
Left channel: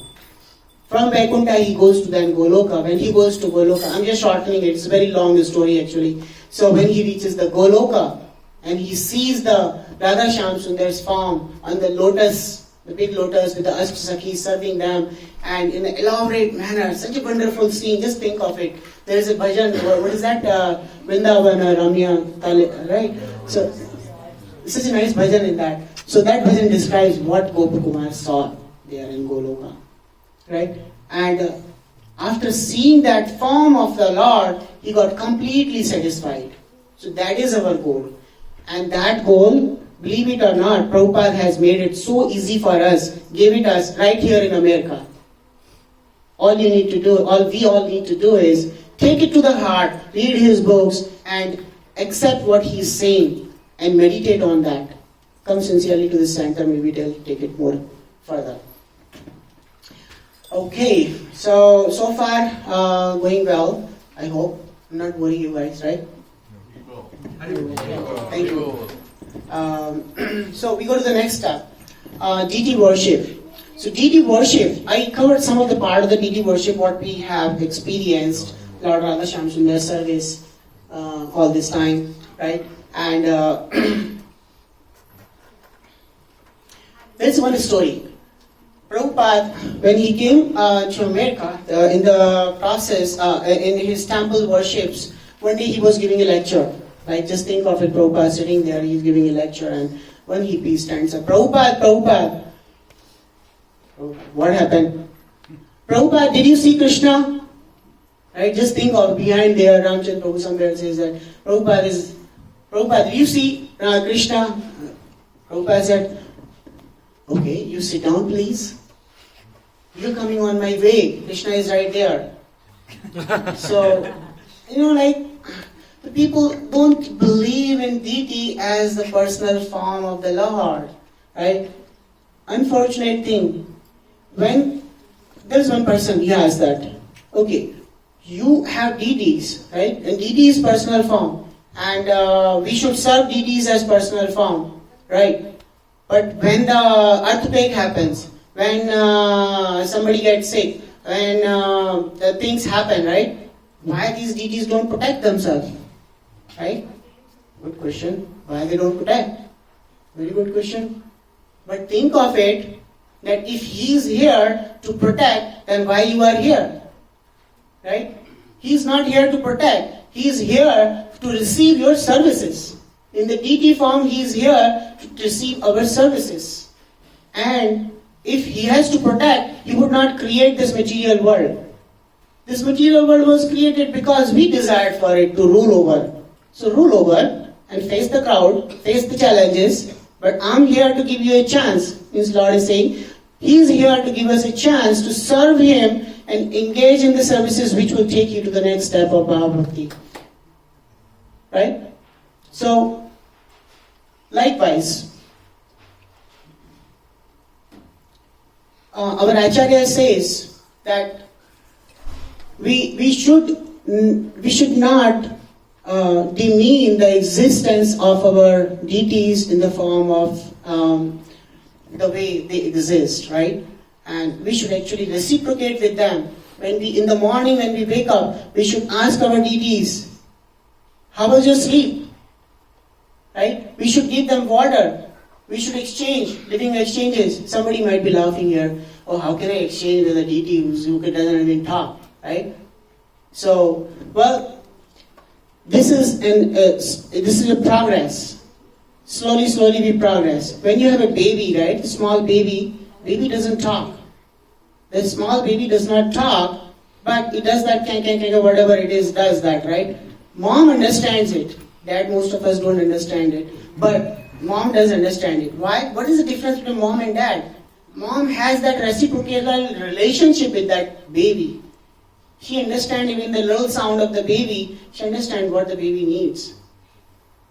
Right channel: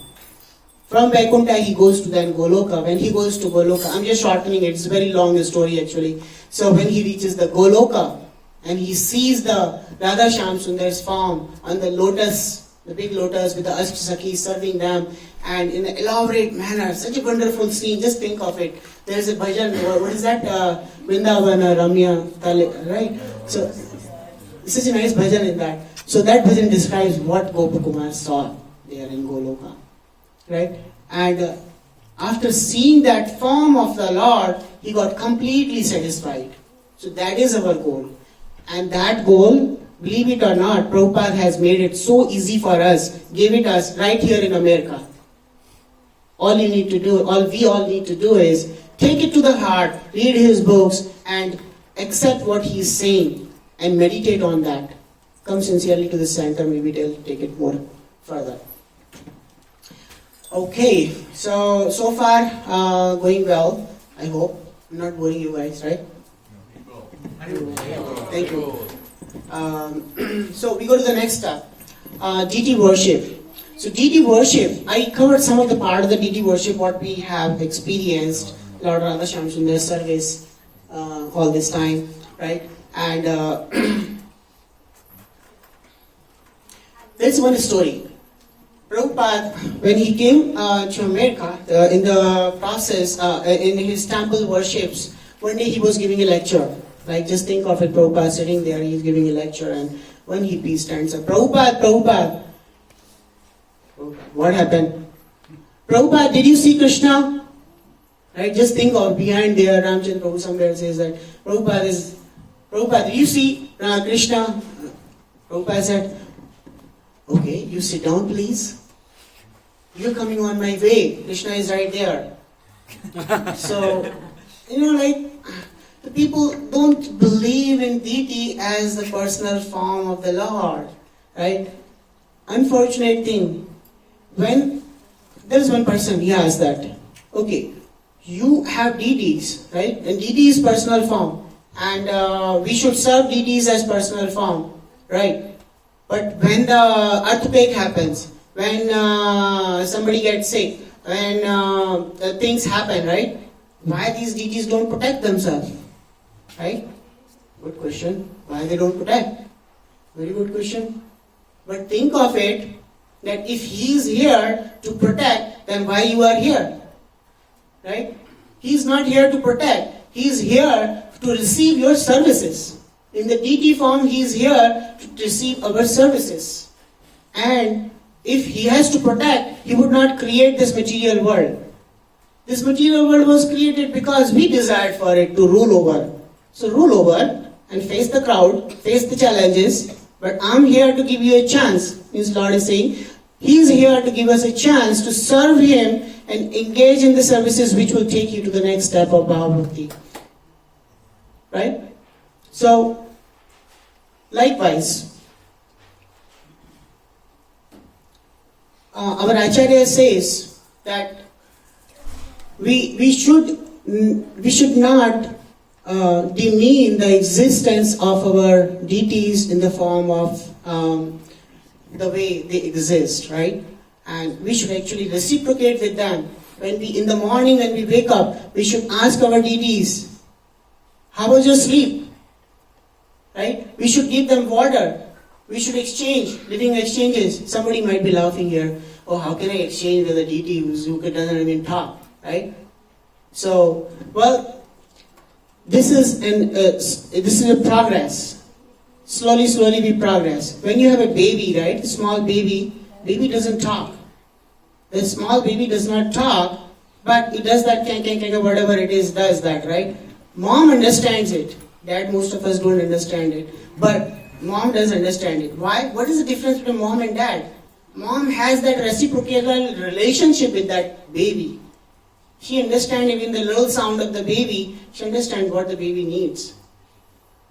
From Vaikuntha, he goes to then Goloka. When he goes to Goloka, I'm just shortening it, it's a very long story actually. So when he reaches the Goloka, and he sees the Radha Shyam Sundar's form on the lotus, the big lotus with the Ashtsakhi serving them, and in an elaborate manner, such a wonderful scene, just think of it. There is a bhajan, what is that? Vrindavana Ramya Tale, right? So, such a nice bhajan in that. So that bhajan describes what Gopakumar saw there in Goloka. Right? And after seeing that form of the Lord, he got completely satisfied. So that is our goal. And that goal, believe it or not, Prabhupada has made it so easy for us, gave it us right here in America. All we all need to do is take it to the heart, read his books, and accept what he's saying, and meditate on that. Come sincerely to the center, maybe they'll take it more further. Okay, so far going well, I hope. I'm not boring you guys, right? Thank you. So we go to the next step, deity worship. So deity worship, I covered some of the part of the deity worship, what we have experienced, Lord Radha Shyam Sundar service all this time, right? And there's one story. Prabhupada, when he came to America, in the process, in his temple worships, one day he was giving a lecture. Like, just think of it, Prabhupada sitting there, he's giving a lecture, and one hippie stands up, Prabhupada, what happened? Prabhupada, did you see Krishna? Right, just think of behind there, Ramchandra Prabhu somewhere says that, Prabhupada, did you see Krishna? Prabhupada said, okay, you sit down please. You're coming on my way. Krishna is right there. So, the people don't believe in deity as the personal form of the Lord. Right? Unfortunate thing. When there's one person, he asked that, okay, you have deities, right? And deity is personal form. And we should serve deities as personal form. Right? But when the earthquake happens, when somebody gets sick, when the things happen, right? Why these deities don't protect themselves? Right? Good question. Why they don't protect? Very good question. But think of it, that if he is here to protect, then why you are here? Right? He is not here to protect. He is here to receive your services. In the deity form, he is here to receive our services. And if he has to protect, he would not create this material world. This material world was created because we desired for it to rule over. So rule over and face the crowd, face the challenges. But I'm here to give you a chance. His Lord is saying, he is here to give us a chance to serve him and engage in the services which will take you to the next step of Bhakti. Right? So, likewise, our Acharya says that we should not demean the existence of our deities in the form of the way they exist, right? And we should actually reciprocate with them. In the morning when we wake up, we should ask our deities, how was your sleep? Right? We should give them water. We should exchange, living exchanges. Somebody might be laughing here. Oh, how can I exchange with a deity who doesn't even talk? Right? So, well, this is a progress. Slowly we progress. When you have a baby, right? Small baby doesn't talk. The small baby does not talk, but it does that whatever it is, does that, right? Mom understands it. Dad, most of us don't understand it. But mom does understand it. Why? What is the difference between mom and dad? Mom has that reciprocal relationship with that baby. She understands even the little sound of the baby. She understands what the baby needs.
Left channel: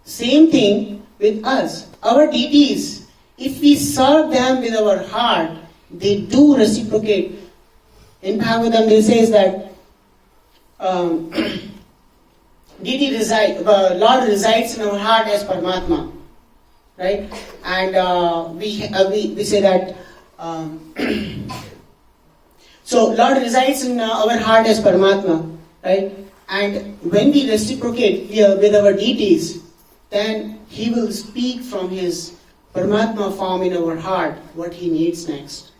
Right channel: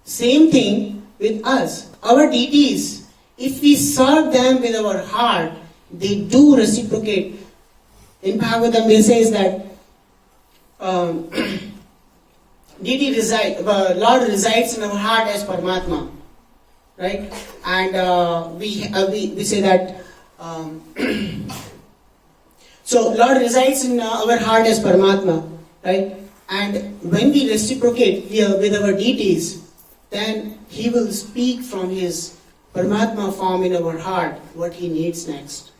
Same thing with us. Our deities, if we serve them with our heart, they do reciprocate. In Bhagavatam, it says that Lord resides in our heart as Paramatma, right? And we say that. So Lord resides in our heart as Paramatma, right? And when we reciprocate with our deities, then He will speak from His Paramatma form in our heart what He needs next.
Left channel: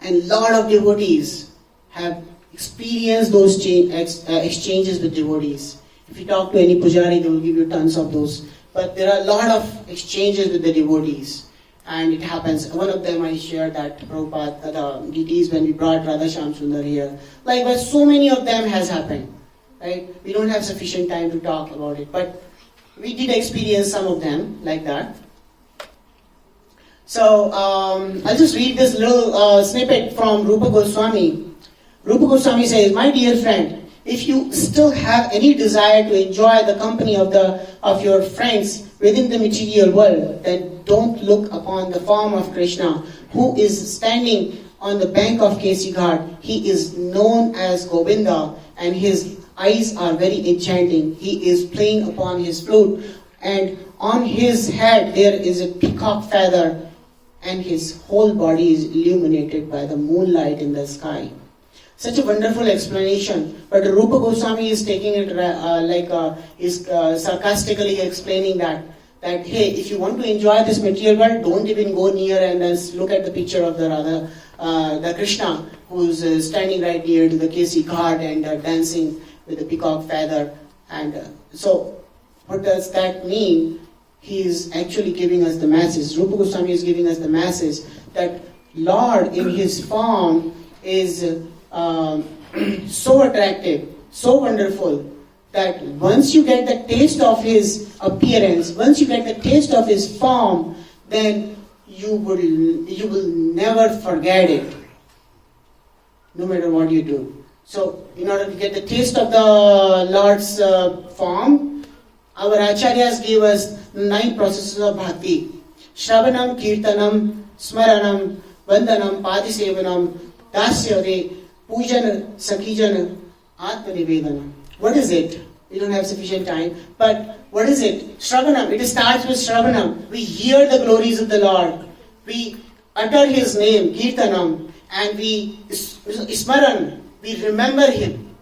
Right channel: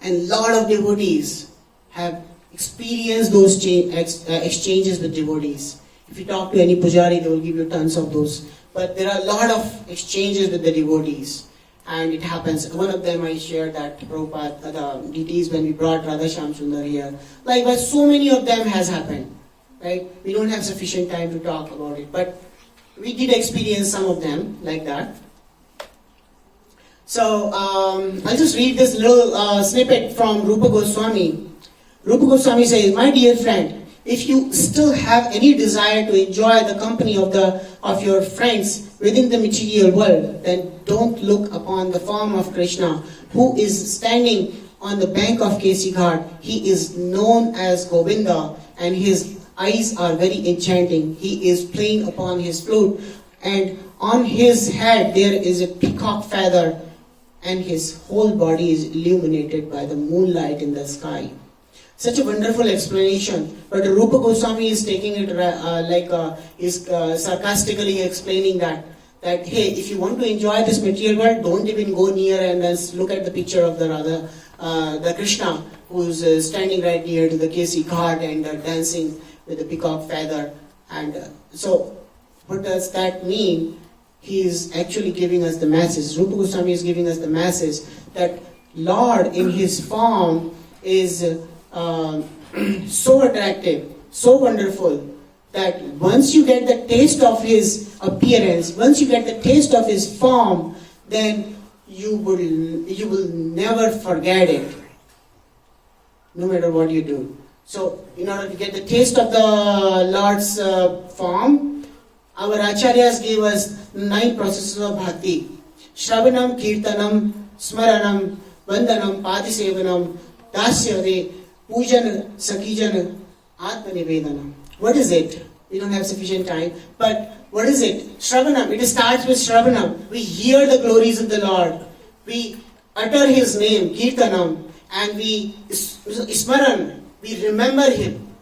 And lot of devotees have experienced those exchanges with devotees. If you talk to any pujari, they will give you tons of those. But there are a lot of exchanges with the devotees. And it happens. One of them I shared that Prabhupada, the deities, when we brought Radha Shyam Sundar here. Likewise, so many of them has happened. Right? We don't have sufficient time to talk about it. But we did experience some of them like that. So, I'll just read this little snippet from Rupa Goswami. Rupa Goswami says, my dear friend, if you still have any desire to enjoy the company of your friends within the material world, then don't look upon the form of Krishna, who is standing on the bank of Kesi Ghat. He is known as Govinda, and his eyes are very enchanting. He is playing upon his flute, and on his head there is a peacock feather, and his whole body is illuminated by the moonlight in the sky. Such a wonderful explanation, but Rupa Goswami is taking it sarcastically explaining that hey, if you want to enjoy this material world, don't even go near and look at the picture of the Radha, the Krishna, who's standing right near to the Kesi Ghat and dancing with the peacock feather. And so, what does that mean? He is actually giving us the message. Rupa Goswami is giving us the message that Lord in his form is so attractive, so wonderful, that once you get the taste of his appearance, once you get the taste of his form, then you will never forget it, no matter what you do. So, in order to get the taste of the Lord's form, our acharyas gave us 9 processes of bhakti: Shravanam, Kirtanam, Smaranam, Vandanam, Padisevanam, Dasyare, Pujan, Sakijana, Atmanivedanam. What is it? We don't have sufficient time. But what is it? Shravanam. It starts with Shravanam. We hear the glories of the Lord. We utter his name, Kirtanam, and we Smaran. We remember him.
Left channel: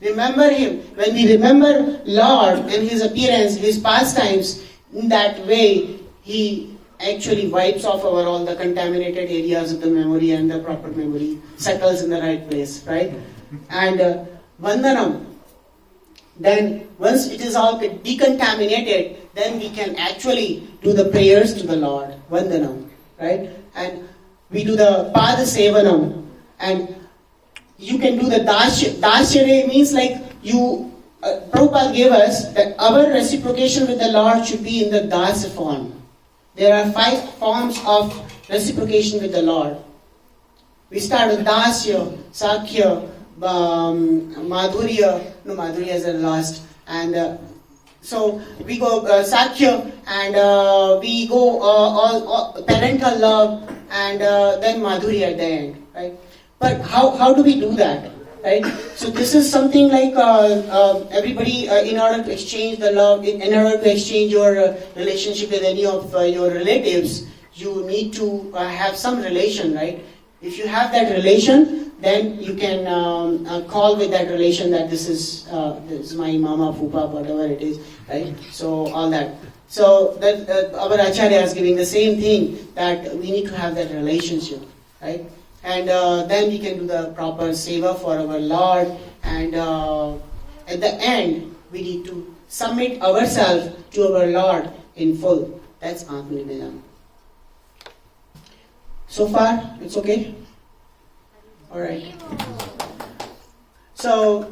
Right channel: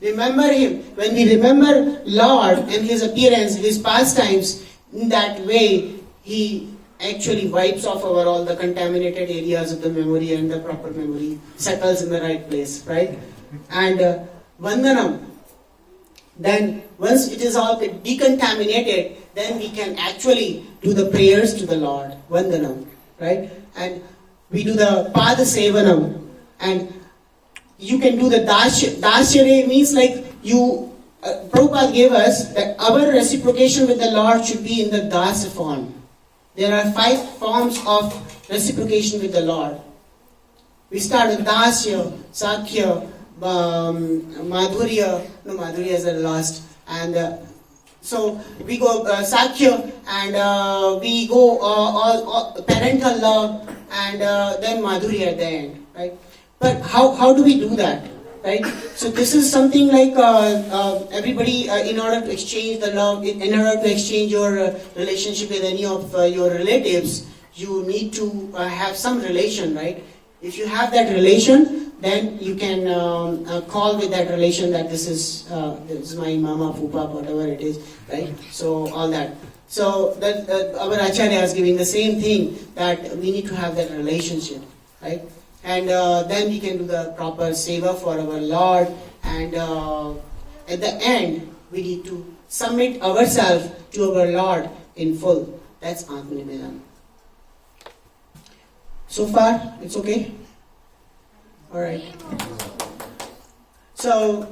Remember him. When we remember Lord and his appearance, his pastimes, in that way, he actually wipes off all the contaminated areas of the memory, and the proper memory settles in the right place, right? And Vandanam. Then once it is all decontaminated, then we can actually do the prayers to the Lord, Vandanam, right? And we do the Pada Sevanam, and you can do the Dasyare. Means like you, Prabhupada gave us that our reciprocation with the Lord should be in the Dasa form. There are 5 forms of reciprocation with the Lord. We start with Dasya, Sakhya, Madhurya. No, Madhurya is the last. And so we go Sakhya, and we go all parental love, and then Madhurya at the end, right? But how do we do that, right? So this is something like everybody, in order to exchange the love, in order to exchange your relationship with any of your relatives, you need to have some relation, right? If you have that relation, then you can call with that relation that this is my mama, pupa, whatever it is, right? So all that. So that our Acharya is giving the same thing, that we need to have that relationship, right? And then we can do the proper seva for our Lord, and at the end we need to submit ourselves to our Lord in full. That's Atmanivedanam. So far, it's okay? Alright. So,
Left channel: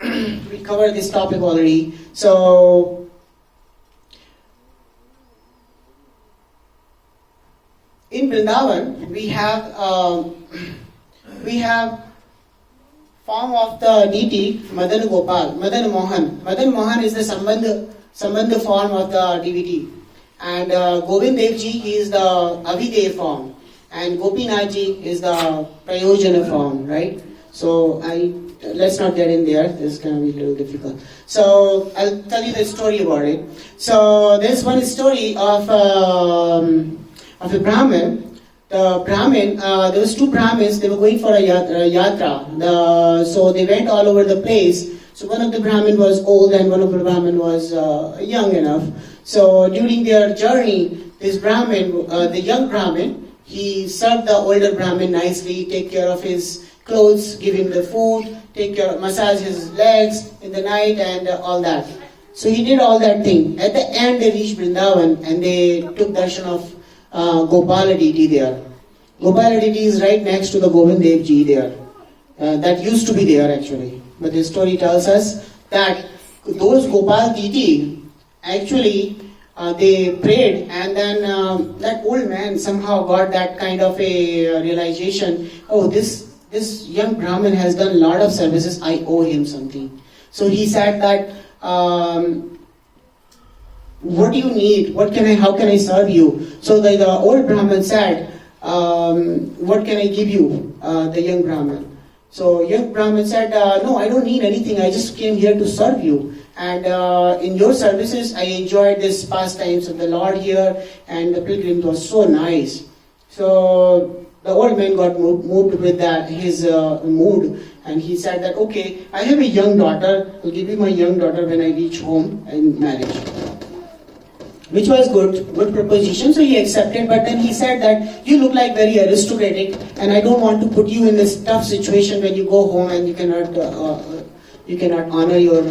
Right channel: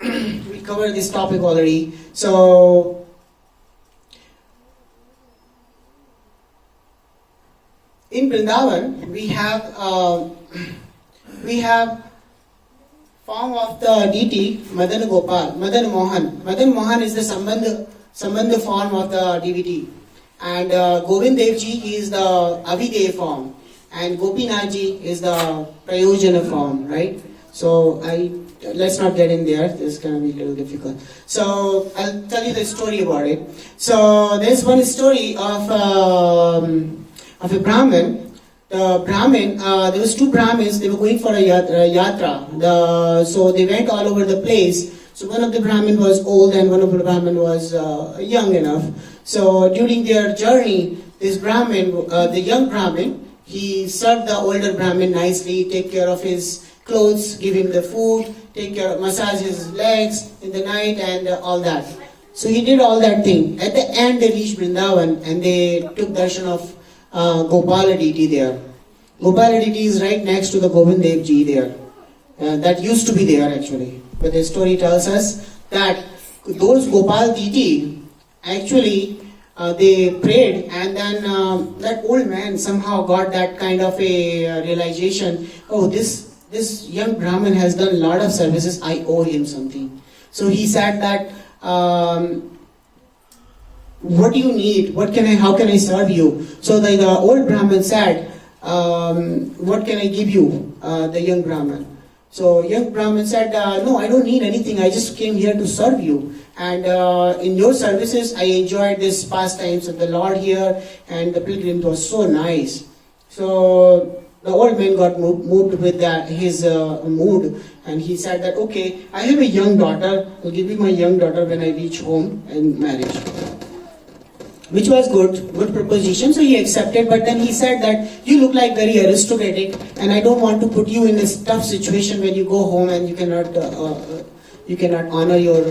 we covered this topic already. So, in Vrindavan, we have form of the deity Madan Gopal, Madan Mohan. Madan Mohan is the Sambandha form of the divinity. And Govind Dev Ji, he is the Avidev form. And Gopinath Ji is the Prayojana form, right? So let's not get in there. This is going to be a little difficult. So I'll tell you the story about it. So there's one story of a Brahmin. The Brahmin, there was 2 Brahmins. They were going for a yatra. So they went all over the place. So one of the Brahmin was old and one of the Brahmin was young enough. So during their journey, this Brahmin, the young Brahmin, he served the older Brahmin nicely, take care of his clothes, give him the food, massage his legs in the night, and all that. So he did all that thing. At the end, they reached Vrindavan and they took darshan of Gopal deity there. Gopal deity is right next to the Govind Dev Ji there. That used to be there actually. But the story tells us that those Gopal deity actually they prayed, and then that old man somehow got that kind of a realization, oh, this young Brahmin has done a lot of services, I owe him something. So he said that, what do you need? How can I serve you? So the old Brahmin said, what can I give you, the young Brahmin? So young Brahmin said, no, I don't need anything. I just came here to serve you. And in your services, I enjoyed this pastimes of the Lord here, and the pilgrim was so nice. So the old man got moved with that his mood, and he said that, okay, I have a young daughter. I'll give you my young daughter when I reach home and marriage. Which was good proposition, so he accepted, but then he said that you look like very aristocratic, and I don't want to put you in this tough situation when you go home and you cannot honor your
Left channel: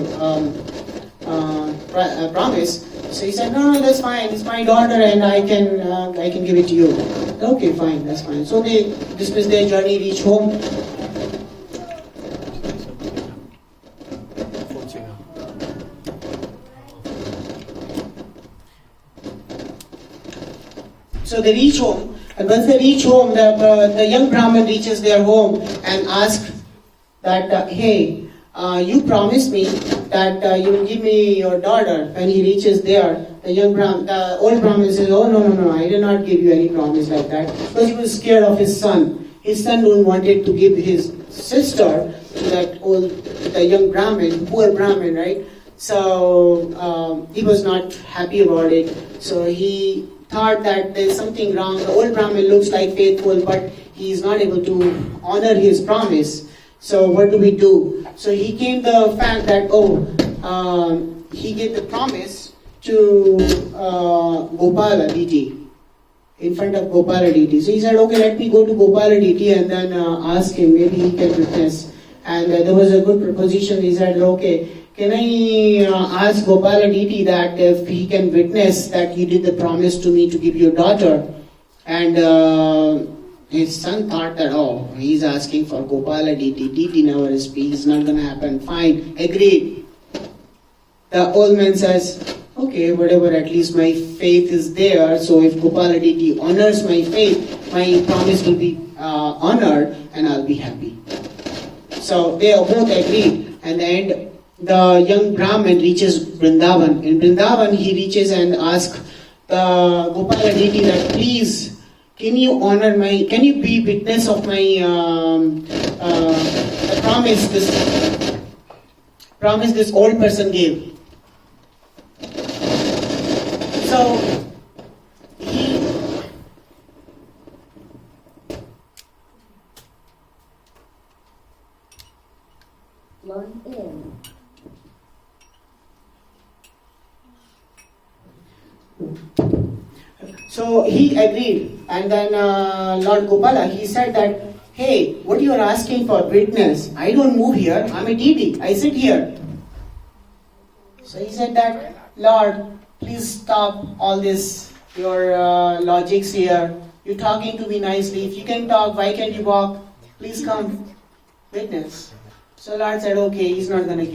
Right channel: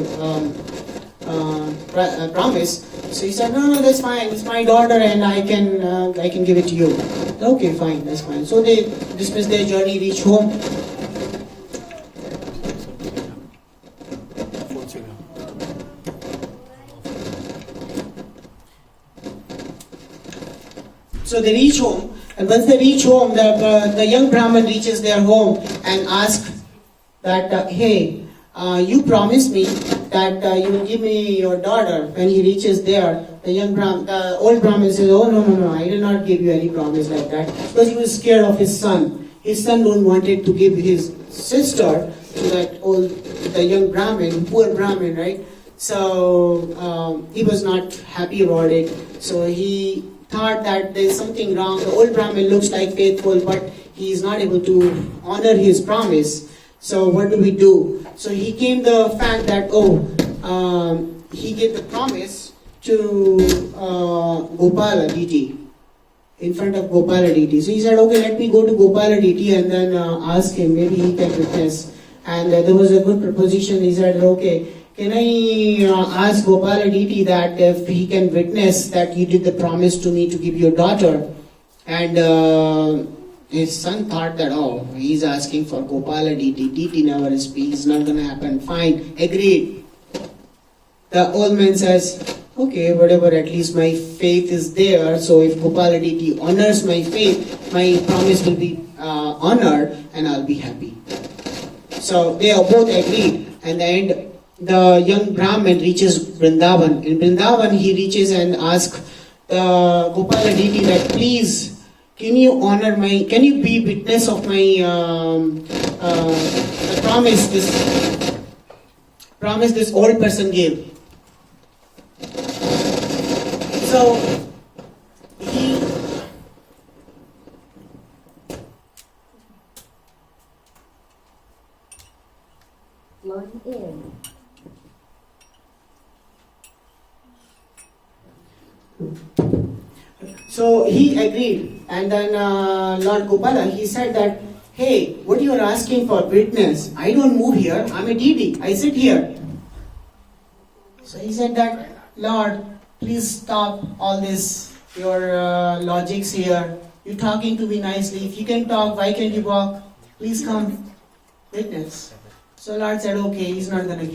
promise. So he said, no, that's fine, it's my daughter and I can give it to you. Okay, fine, that's fine. So they dismissed their journey, reached home. So they reach home, and once they reach home, the young Brahmin reaches their home and asks that, hey, you promised me that you will give me your daughter. When he reaches there, the old Brahmin says, oh no, I did not give you any promise like that, because he was scared of his son. His son don't wanted to give his sister to the young Brahmin, poor Brahmin, right? So he was not happy about it. So he thought that there's something wrong. The old Brahmin looks like faithful, but he is not able to honor his promise. So what do we do? So he came the fact that, he gave the promise to Gopal deity, in front of Gopal deity. So he said, okay, let me go to Gopal deity and then ask him, maybe he can witness. And there was a good proposition. He said, okay, can I ask Gopal deity that if he can witness that you did the promise to me to give your daughter? And his son thought that, he's asking for Gopal deity. Deity never speaks, it's not going to happen. Fine, agreed. The old man says, okay, whatever, at least my faith is there. So if Gopal deity honors my faith, my promise will be honored and I'll be happy. So they both agreed. And then the young Brahmin reaches Vrindavan. In Vrindavan, he reaches and asks the Gopal deity that, please, can you be witness of my the promise this old person gave. So he Log in. So he agreed, and then Lord Gopala, he said that, hey, what you are asking for witness, I don't move here, I'm a deity, I sit here. So he said that, Lord, please stop all this, your logics here, you're talking to me nicely, if you can talk, why can't you walk? Please come, witness. So Lord said, okay, he's not going to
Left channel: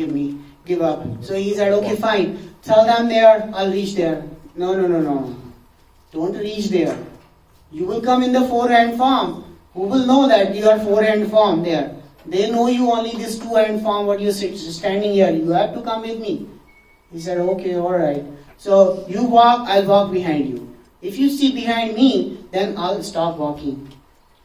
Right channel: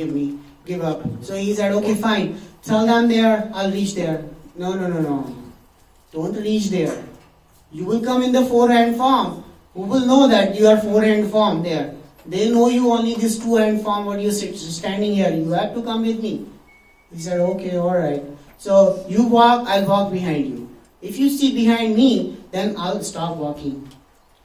give up. So he said, okay, fine, tell them there, I'll reach there. No. Don't reach there. You will come in the four-hand form. Who will know that you are four-hand form there? They know you only this two-hand form, what you're standing here. You have to come with me. He said, okay, alright. So you walk, I'll walk behind you. If you see behind me, then I'll stop walking.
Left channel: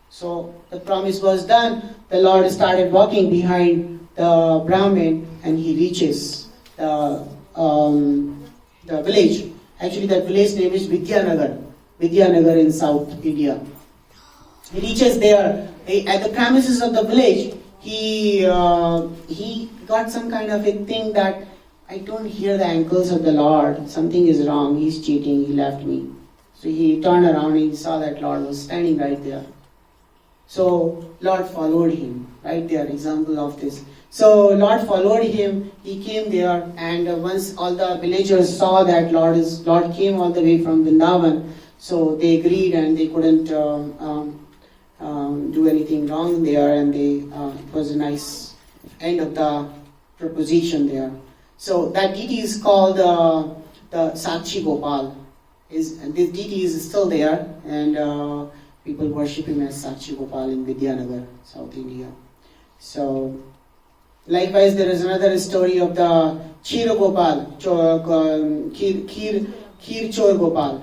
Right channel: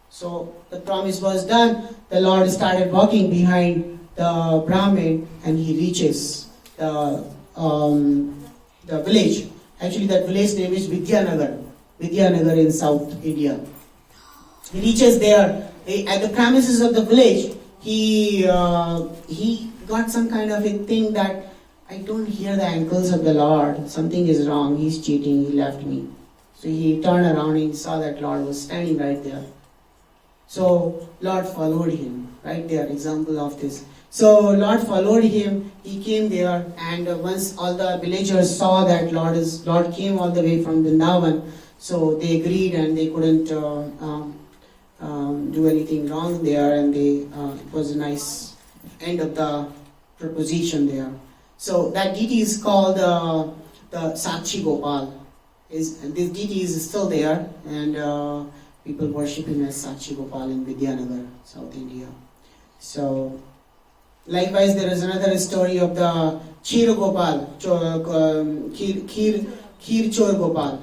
So the promise was done. The Lord started walking behind the Brahmin and he reaches the village. Actually, that village name is Vidyanagar in South India. He reaches there. At the premises of the village, he got some kind of a thing that I don't hear the ankles of the Lord. Something is wrong. He's cheating. He left me. So he turned around and he saw that Lord was standing right there. So Lord followed him. Right there, example of this. So Lord followed him, he came there, and once all the villagers saw that Lord came all the way from Vrindavan, so they agreed and they couldn't do anything wrong there, and it was a nice end of the proposition there. So that deity is called the Sakshi Gopal. This deity is still there, and people worship him as Sakshi Gopal in Vidyanagar, South India. So likewise, there is another story of the Kheer Gopal, Kheer Chor Gopal.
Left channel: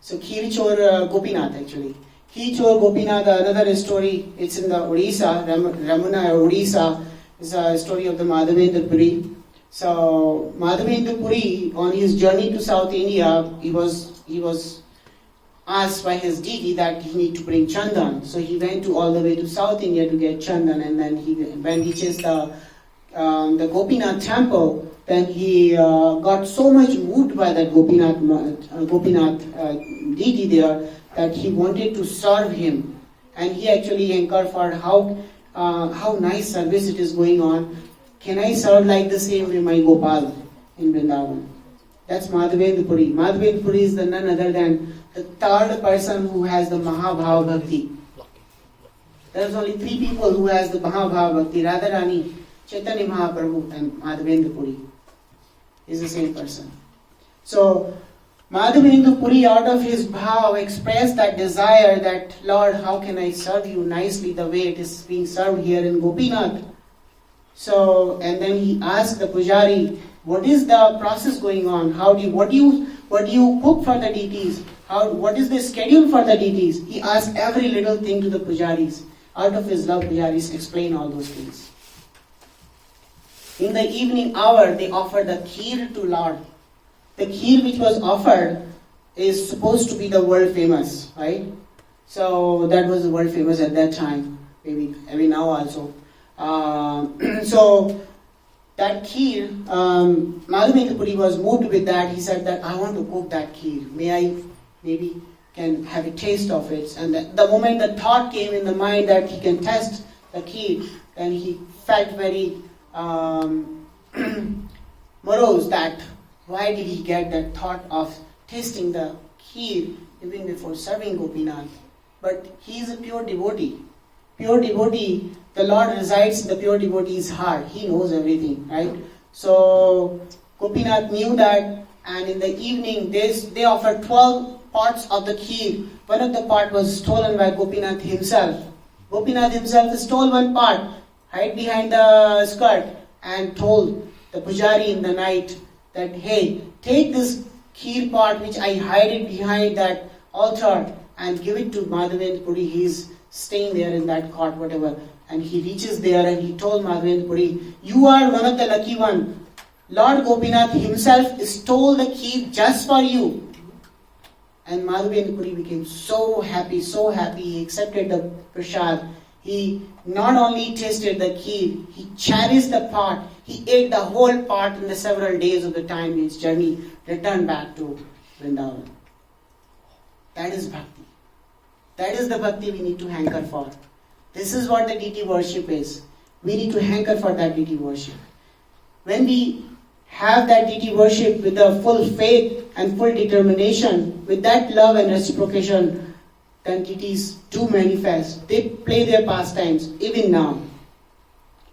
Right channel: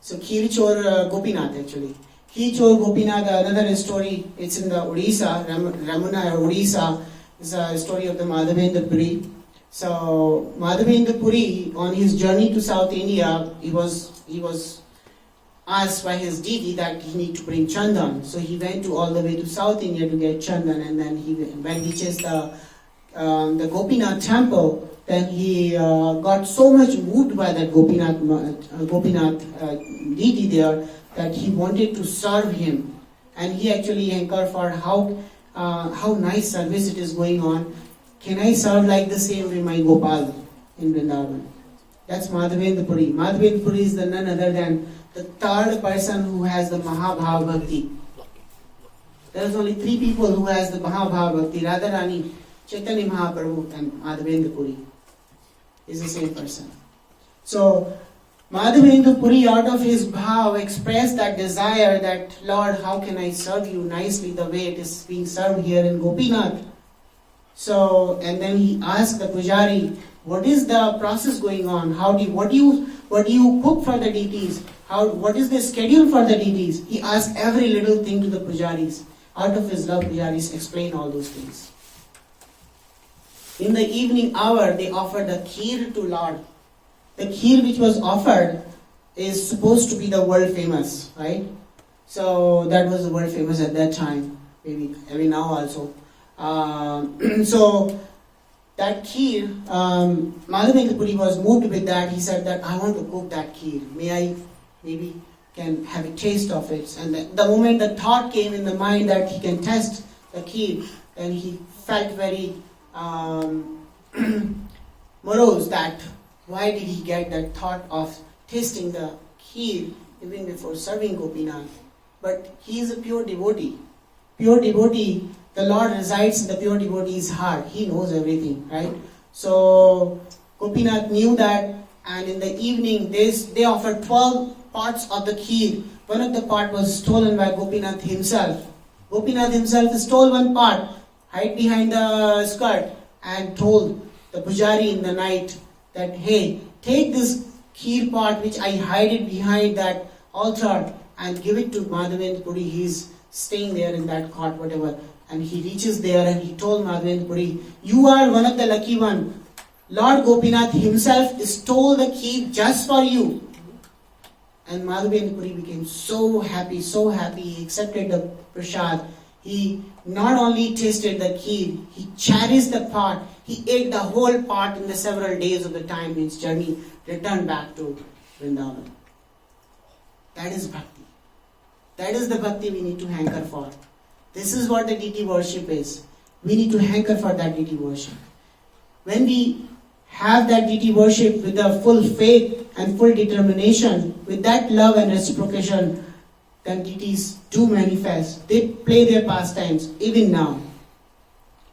So Kheer Chor Gopinath actually. Khich or Gopinath, another story, it's in the Odisha, Ramuna Odisha, is a story of the Madhavendra Puri. So Madhavendra Puri, on his journey to South India, he was asked by his deity that he need to bring chandan. So he went all the way to South India to get chandan, and then when he chased the Gopinath temple, then he got so much moved by that Gopinath deity there that he wanted to serve him, and he actually inquired for how nice service it is going on. Can I serve like the same way my Gopal in Vrindavan? That's Madhavendra Puri. Madhavendra Puri is the none other than the third person who has the Mahabhava Bhakti. There's only 3 people who has the Mahabhava Bhakti: Radharani, Chaitanya Mahaprabhu, and Madhavendra Puri is the same person. So Madhavendra Puri, out of his bhav, expressed that desire that, Lord, how can I serve you nicely the way it is being served here in Gopinath? So, and then he asked the pujari, what is the process going on? What do you cook for the deities? What is the schedule for the deities? He asked every little thing to the pujaris. Out of his love, pujaris explain all those things. In the evening hour, they offered the kheer to Lord. The kheer which was offered is supposed to be the world famous, right? So that was the world famous at that time, maybe now also. So that kheer, Madhavendra Puri was moved with that. He said that I want to cook that kheer. May I maybe can have a taste of it? And the moment the thought came in the mind that he can test the kheer, then he felt very morose that why did he get that thought of tasting the kheer even before serving Gopinath? But he is a pure devotee. Pure devotee, the Lord resides in the pure devotee's heart. He knows everything, right? So Gopinath knew that, and in the evening they offered 12 pots of the kheer. One of the pot was stolen by Gopinath himself. Gopinath himself stole one pot, hid behind the skirt, and told the pujari in the night that, hey, take this kheer pot which I hide it behind that altar and give it to Madhavendra Puri. He's staying there in that cot, whatever. And he reaches there and he told Madhavendra Puri, you are one of the lucky one. Lord Gopinath himself stole the kheer just for you. And Madhavendra Puri became so happy, he accepted the prasad. He not only tasted the kheer, he cherished the pot. He ate the whole pot in the several days of the time in his journey, returned back to Vrindavan. That is bhakti. That is the bhakti we need to hanker for. This is what the deity worship is. We need to hanker for that deity worship. When we have that deity worship with a full faith and full determination, with that love and reciprocation, then deities do manifest. They play their pastimes even now.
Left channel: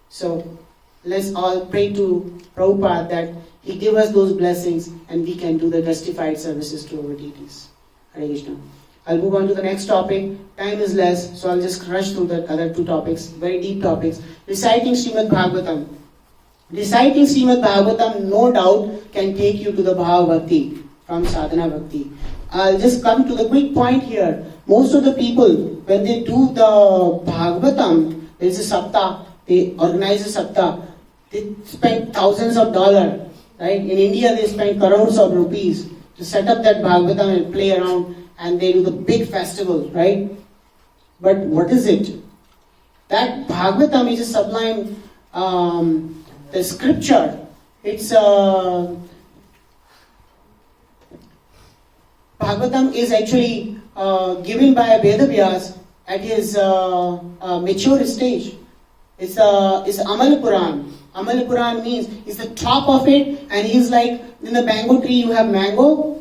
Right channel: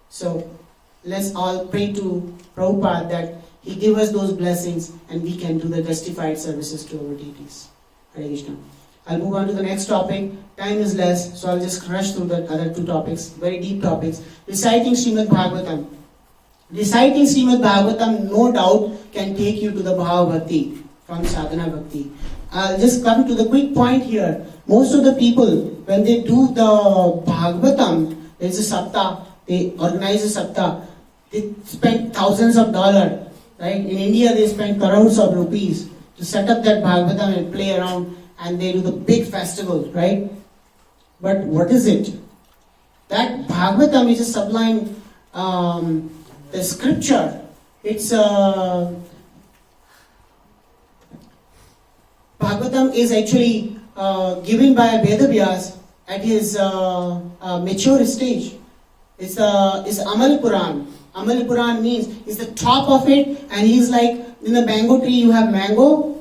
So let's all pray to Prabhupada that he give us those blessings and we can do the justified services to our deities. Hare Krishna. I'll move on to the next topic. Time is less, so I'll just rush through the other 2 topics, very deep topics. Reciting Srimad Bhagavatam. Reciting Srimad Bhagavatam, no doubt, can take you to the Bhava Bhakti, from Sadhana Bhakti. I'll just come to the quick point here. Most of the people, when they do the Bhagavatam, there's a saptah, they organize a saptah, they spend thousands of dollars, right? In India, they spend crores of rupees to set up that Bhagavatam and play around, and they do the big festival, right? But what is it? That Bhagavatam is a sublime, the scripture. It's Bhagavatam is actually given by Vedavyas at his mature stage. It's Amal Puran. Amal Puran means it's the top of it, and he's like, in the mango tree you have mango,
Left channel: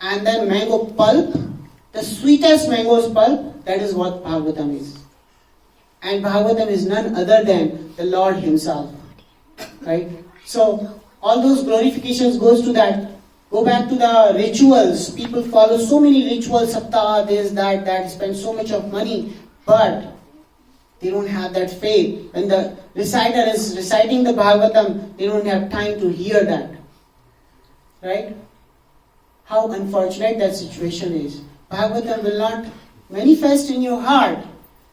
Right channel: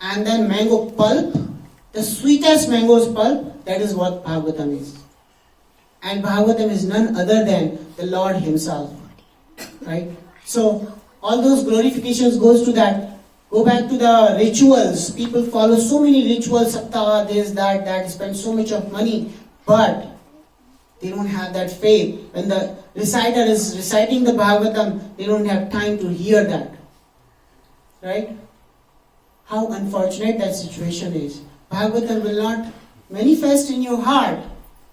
and then mango pulp, the sweetest mango's pulp. That is what Bhagavatam is. And Bhagavatam is none other than the Lord himself, right? So all those glorifications goes to that. Go back to the rituals. People follow so many rituals, saptah, this, that, spend so much of money, but they don't have that faith. When the reciter is reciting the Bhagavatam, they don't have time to hear that, right? How unfortunate that situation is. Bhagavatam will not manifest in your heart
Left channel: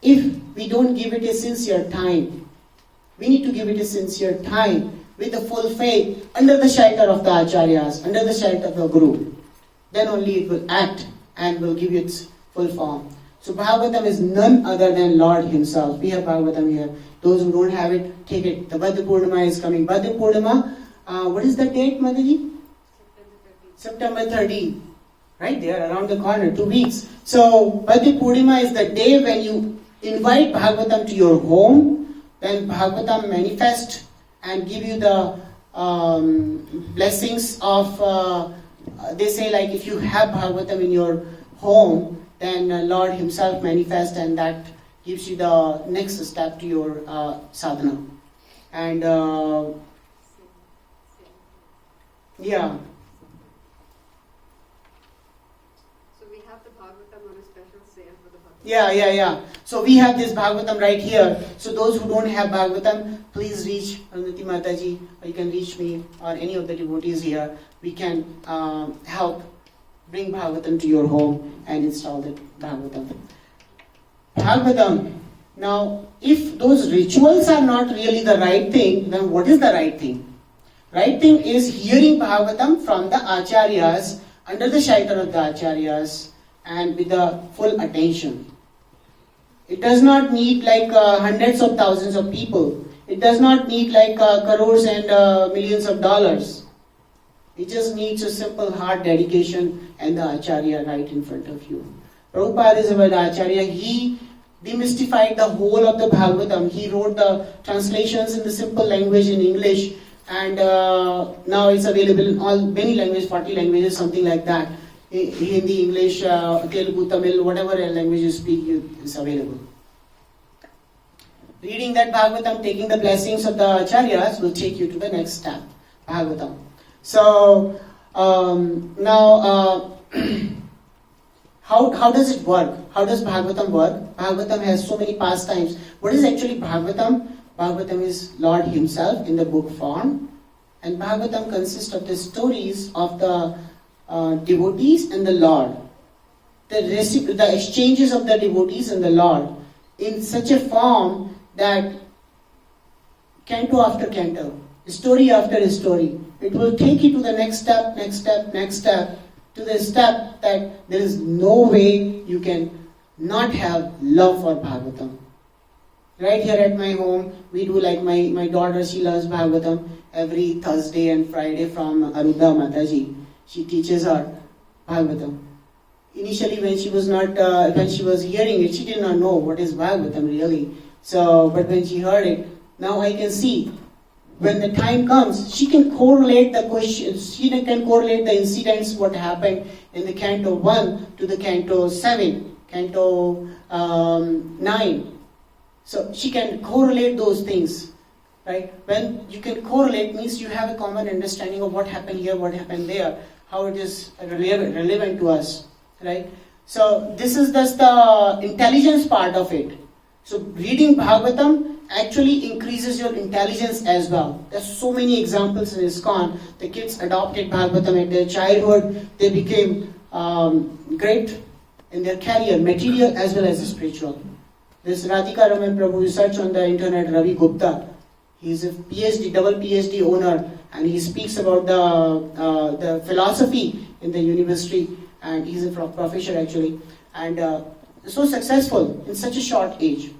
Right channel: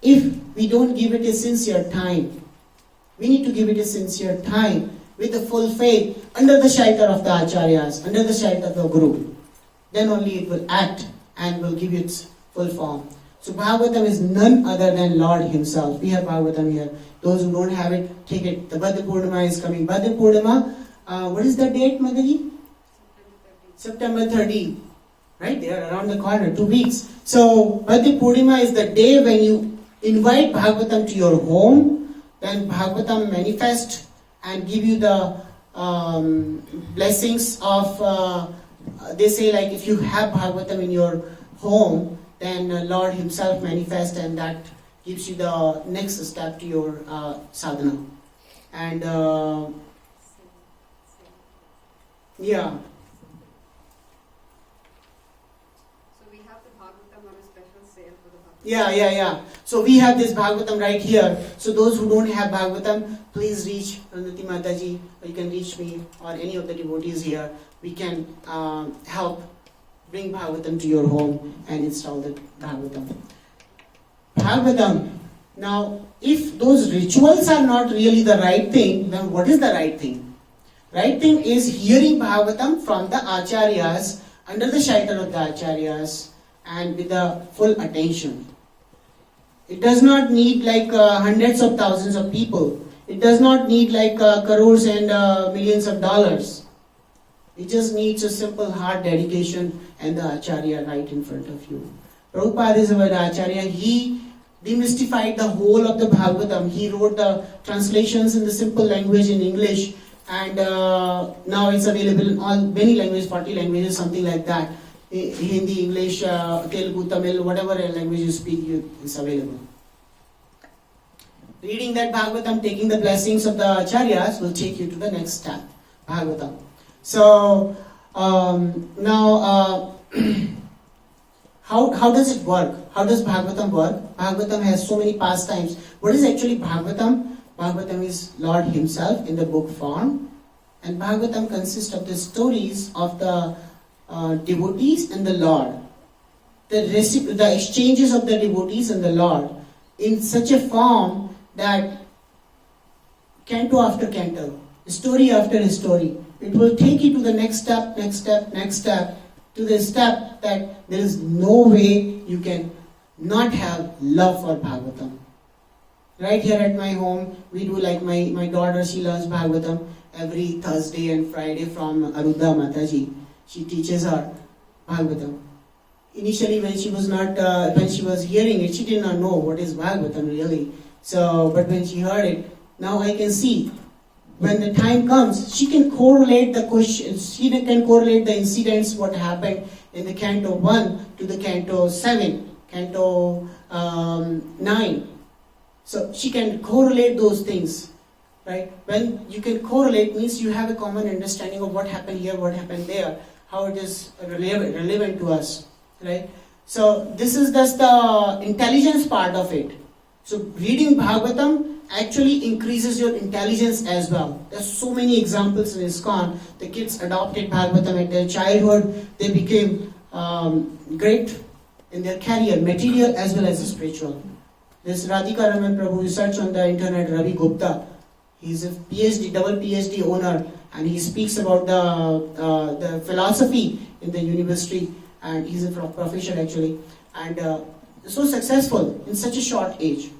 if we don't give it a sincere time. We need to give it a sincere time with a full faith under the shelter of the acharyas, under the shelter of the guru. Then only it will act and will give you its full form. So Bhagavatam is none other than Lord Himself. We have Bhagavatam here. Those who don't have it, take it. The Badha Purnima is coming. Badha Purnima, what is the date, Madaji? September 30. Right there, around the corner, 2 weeks. So Badha Purnima is the day when you invite Bhagavatam to your home. Then Bhagavatam manifest and give you the blessings of, they say like if you have Bhagavatam in your home, then Lord Himself manifests and that gives you the next step to your sadhana. And yeah. So we have the Bhagavatam on a special sale for the Bhagavatam. Yeah. So we have this Bhagavatam right here. So those who don't have Bhagavatam, please reach Arundhati Mataji, or you can reach me or any of the devotees here. We can help bring Bhagavatam to your home and install the Bhagavatam. Bhagavatam. Now, if those rituals are not really the right thing, then what is the right thing? Right thing is hearing Bhagavatam from the acharyas, under the shelter of the acharyas, and with the full attention. It does not need like hundreds of thousands of people. It does not need like crores and millions of dollars. It just needs a simple heart dedication and the acharya right in front of you. Prabhupada is our acharya. He demystified the whole of the Bhagavatam. He wrote the translations in the simple language in English, and now it's available in all many languages, 40 languages, something like that. Hindi, English, Telugu, Tamil, whatever language you speak, is available. Reading that Bhagavatam, taking the blessings of the acharyas will take you to the next step, Bhagavatam. So now, how does it work? How does Bhagavatam work? Bhagavatam has so many pastimes. What is actually Bhagavatam? Bhagavatam is Lord Himself in the book form, and Bhagavatam consists of the stories of the devotees and the Lord, the exchanges of the devotees and the Lord, in such a form that canto after canto, story after story, it will take you to the next step, to the step that there is no way you can not have love for Bhagavatam. Right here at my home, we do like my daughter, she loves Bhagavatam every Thursday and Friday from Arudha Mataji. She teaches her Bhagavatam. Initially, when she was hearing it, she did not know what is Bhagavatam really. So, but when she heard it, now I can see. When the time comes, she can correlate the questions, she can correlate the incidents, what happened in the Canto 1 to the Canto 7, Canto 9. So she can correlate those things, right? When you can correlate means you have a common understanding of what happened here, what happened there, how it is relevant to us, right? So this is just the intelligence part of it. So reading Bhagavatam actually increases your intelligence as well. There's so many examples in ISKCON. The kids adopted Bhagavatam at their childhood. They became great in their career, material as well as spiritual. This Radhika Raman Prabhu, you search on the internet, Ravi Gupta. He's a PhD, double PhD owner, and he speaks about the philosophy in the university, and he's a professor actually, and so successful in such a short age.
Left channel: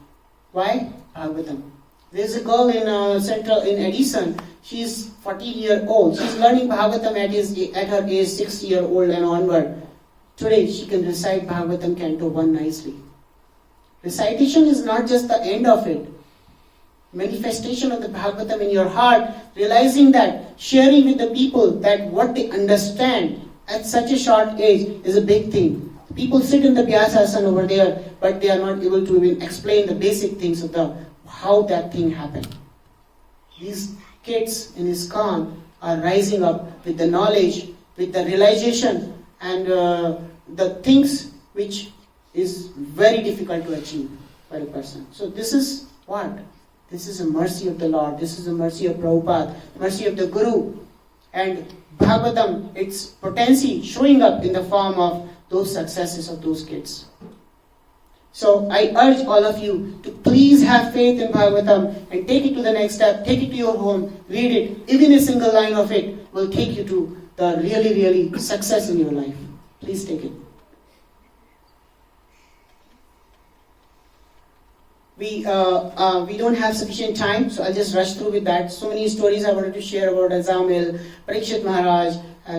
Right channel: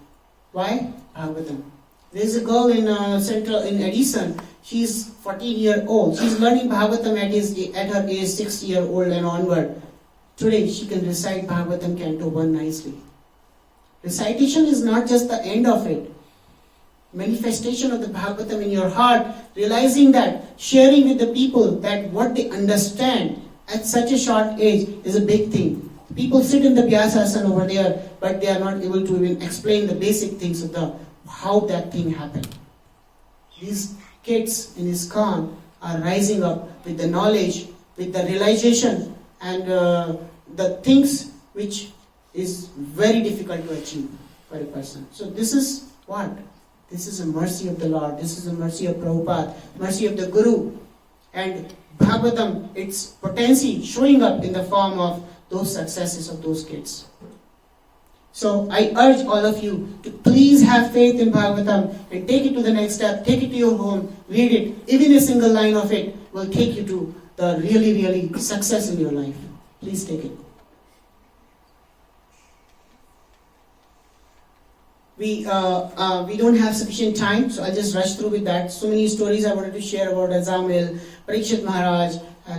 Why? Bhagavatam. There's a girl in Edison. She's 14-year-old. She's learning Bhagavatam at her age 6-year-old and onward. Today she can recite Bhagavatam Canto 1 nicely. Recitation is not just the end of it. Manifestation of the Bhagavatam in your heart, realizing that, sharing with the people that what they understand at such a short age is a big thing. People sit in the Vyasasana over there, but they are not able to even explain the basic things of how that thing happened. These kids in ISKCON are rising up with the knowledge, with the realization, and the things which is very difficult to achieve for a person. So this is what? This is a mercy of the Lord. This is a mercy of Prabhupada, mercy of the Guru. And Bhagavatam, its potency showing up in the form of those successes of those kids. So I urge all of you to please have faith in Bhagavatam and take it to the next step, take it to your home, read it. Even a single line of it will take you to the really, really success in your life. Please take it. We don't have sufficient time, so I'll just rush through with that. So many stories I wanted to share about Azamil, Parikshit Maharaj,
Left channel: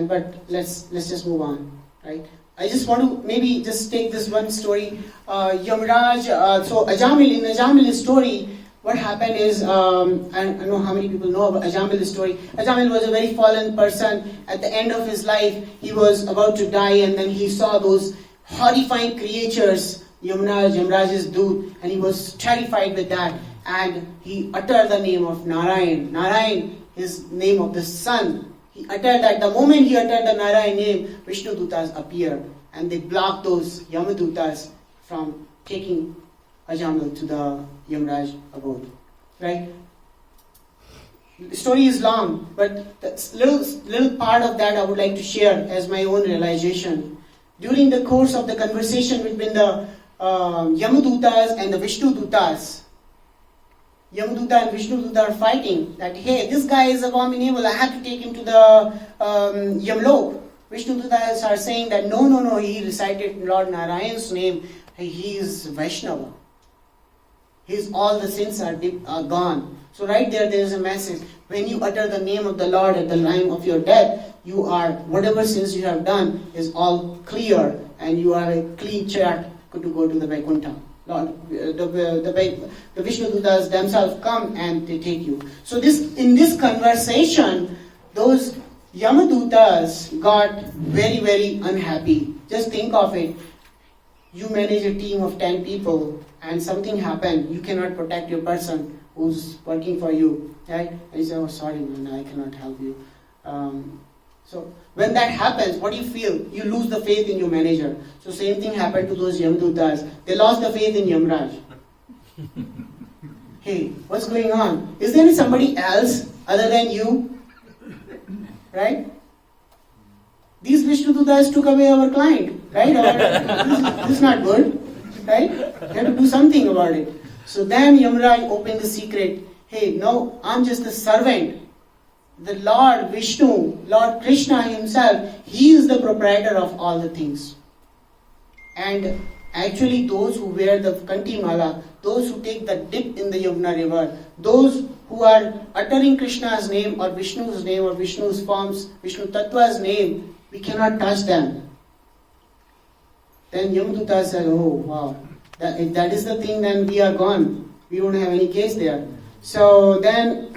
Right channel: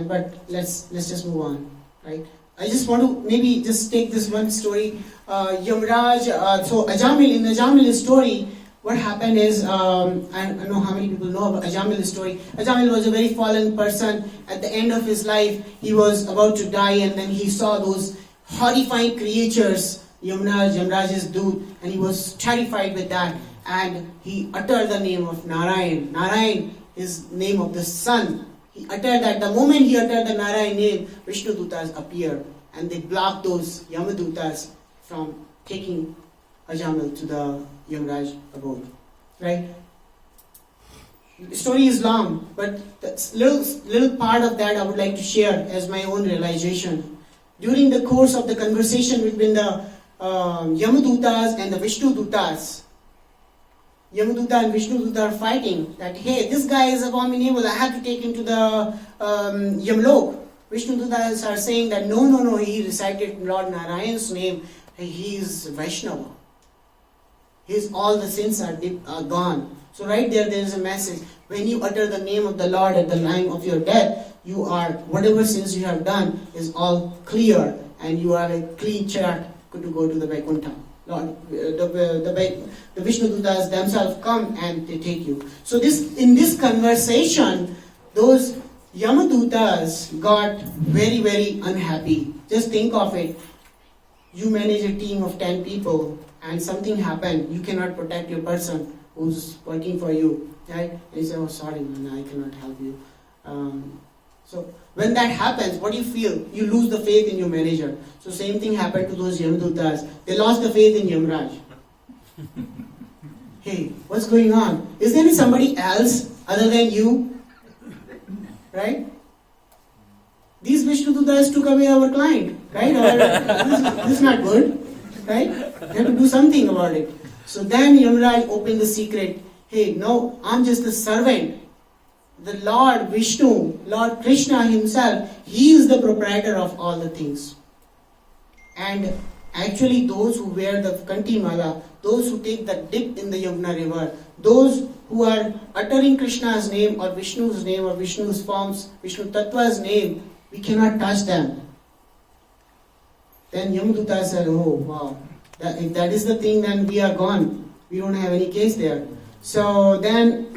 but let's just move on, right? I just want to maybe just take this one story. Yamraj, so Ajamil, in Ajamil's story, what happened is, I don't know how many people know about Ajamil's story. Ajamil was a very fallen person. At the end of his life, he was about to die, and then he saw those horrifying creatures, Yamraj's Doot, and he was terrified with that. And he uttered the name of Narayan. Narayan is name of the sun. He uttered that. The moment he uttered the Narayan name, Vishnu Dutas appeared, and they blocked those Yamadutas from taking Ajamil to the Yamraj abode. Right? The story is long, but the little part of that I would like to share as my own realization. During the course of the conversation between the Yamadutas and the Vishnu Dutas, Yamaduta and Vishnu Duta are fighting that, hey, this guy is abominable, I have to take him to the Yamlok. Vishnu Dutas are saying that no, he recited Lord Narayan's name, he is Vaishnava. All the sins are gone. So right there is a message. When you utter the name of the Lord at the time of your death, you are, whatever sins you have done is all clear, and you are a clean chart to go to the Vaikuntha. Lord, the Vishnu Dutas themselves come and they take you. So in this conversation, those Yamadutas got very, very unhappy. Just think of it. You manage a team of 10 people and something happened. You cannot protect your person who's working for you. Right? And you say, oh, sorry, man, I cannot help you. So when that happens, what do you feel? You lose the faith in your manager. So same thing happened to those Yamadutas. They lost the faith in Yamraj. Hey, what's going on? Is there somebody else other than you? Right? These Vishnu Dutas took away our client. Right? This is not good. Right? You have to do something about it. So then Yamraj opened the secret. Hey, no, I'm just a servant. The Lord Vishnu, Lord Krishna himself, he is the proprietor of all the things. And actually those who wear the Kanti Mala, those who take the dip in the Yamuna river, those who are uttering Krishna's name or Vishnu's name or Vishnu's forms, Vishnu Tattva's name, we cannot touch them. Then Yamaduta said, oh wow, if that is the thing, then we are gone. We don't have any case there. So then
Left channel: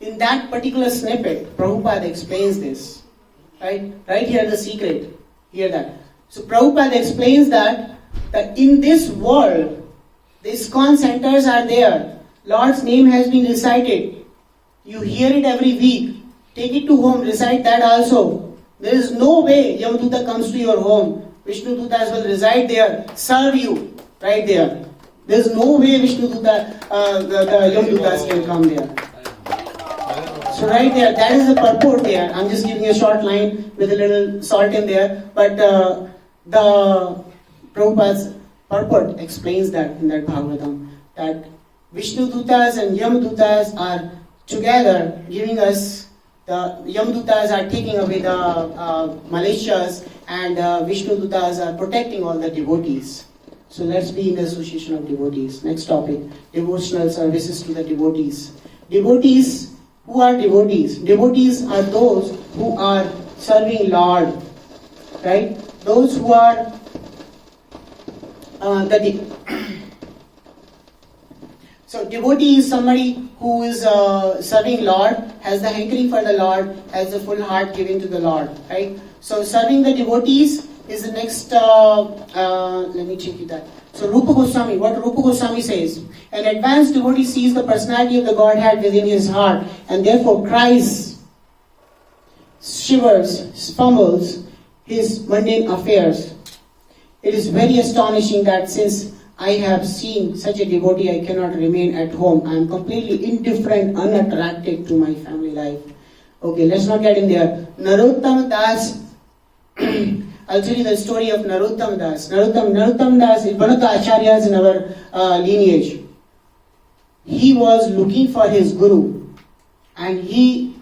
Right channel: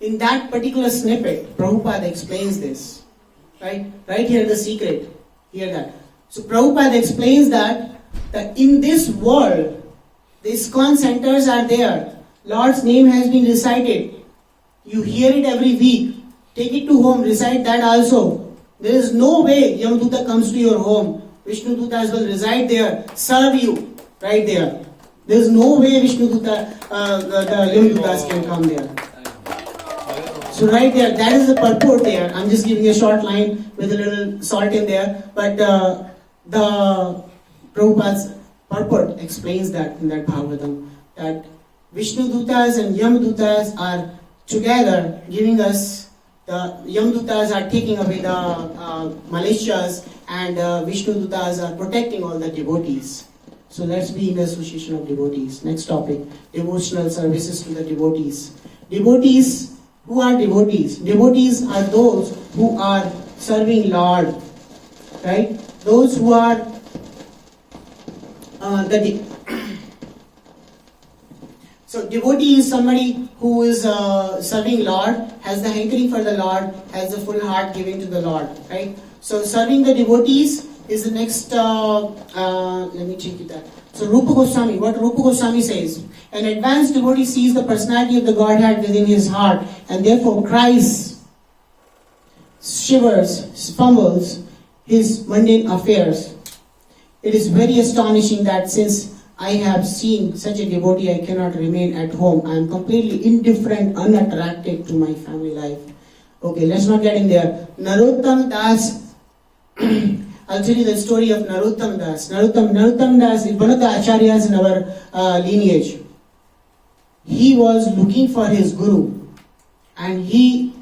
in that particular snippet, Prabhupada explains this. Right here the secret. Hear that. So Prabhupada explains that in this world, the ISKCON centers are there. Lord's name has been recited. You hear it every week. Take it to home, recite that also. There is no way Yamaduta comes to your home. Vishnu Dutas will reside there, serve you, right there. There is no way Vishnu Duta, the Yamadutas can come there. So right there, that is the purport there. I'm just giving a short line with a little salt in there. But the Prabhupada's purport explains that in that Bhagavatam, that Vishnu Dutas and Yamadutas are together giving us, the Yamadutas are taking away the malicious, and Vishnu Dutas are protecting all the devotees. So let's be in the association of devotees. Next topic, devotional services to the devotees. Devotees. Who are devotees? Devotees are those who are serving Lord, right? Those who are so devotee is somebody who is serving Lord, has the hankering for the Lord, has the full heart giving to the Lord, right? So serving the devotees is the next. Let me check it that. So Rupa Goswami, what Rupa Goswami says, an advanced devotee sees the personality of the Godhead within his heart and therefore cries, shivers, fumbles his mundane affairs. It is very astonishing that since I have seen such a devotee, I cannot remain at home. I am completely indifferent, unattracted to my family life. Okay, let's not get in there. Narottam Das I'll tell you the story of Narottam Das. Narottam Das is one of the acharyas in our lineage. He was looking for his guru, and he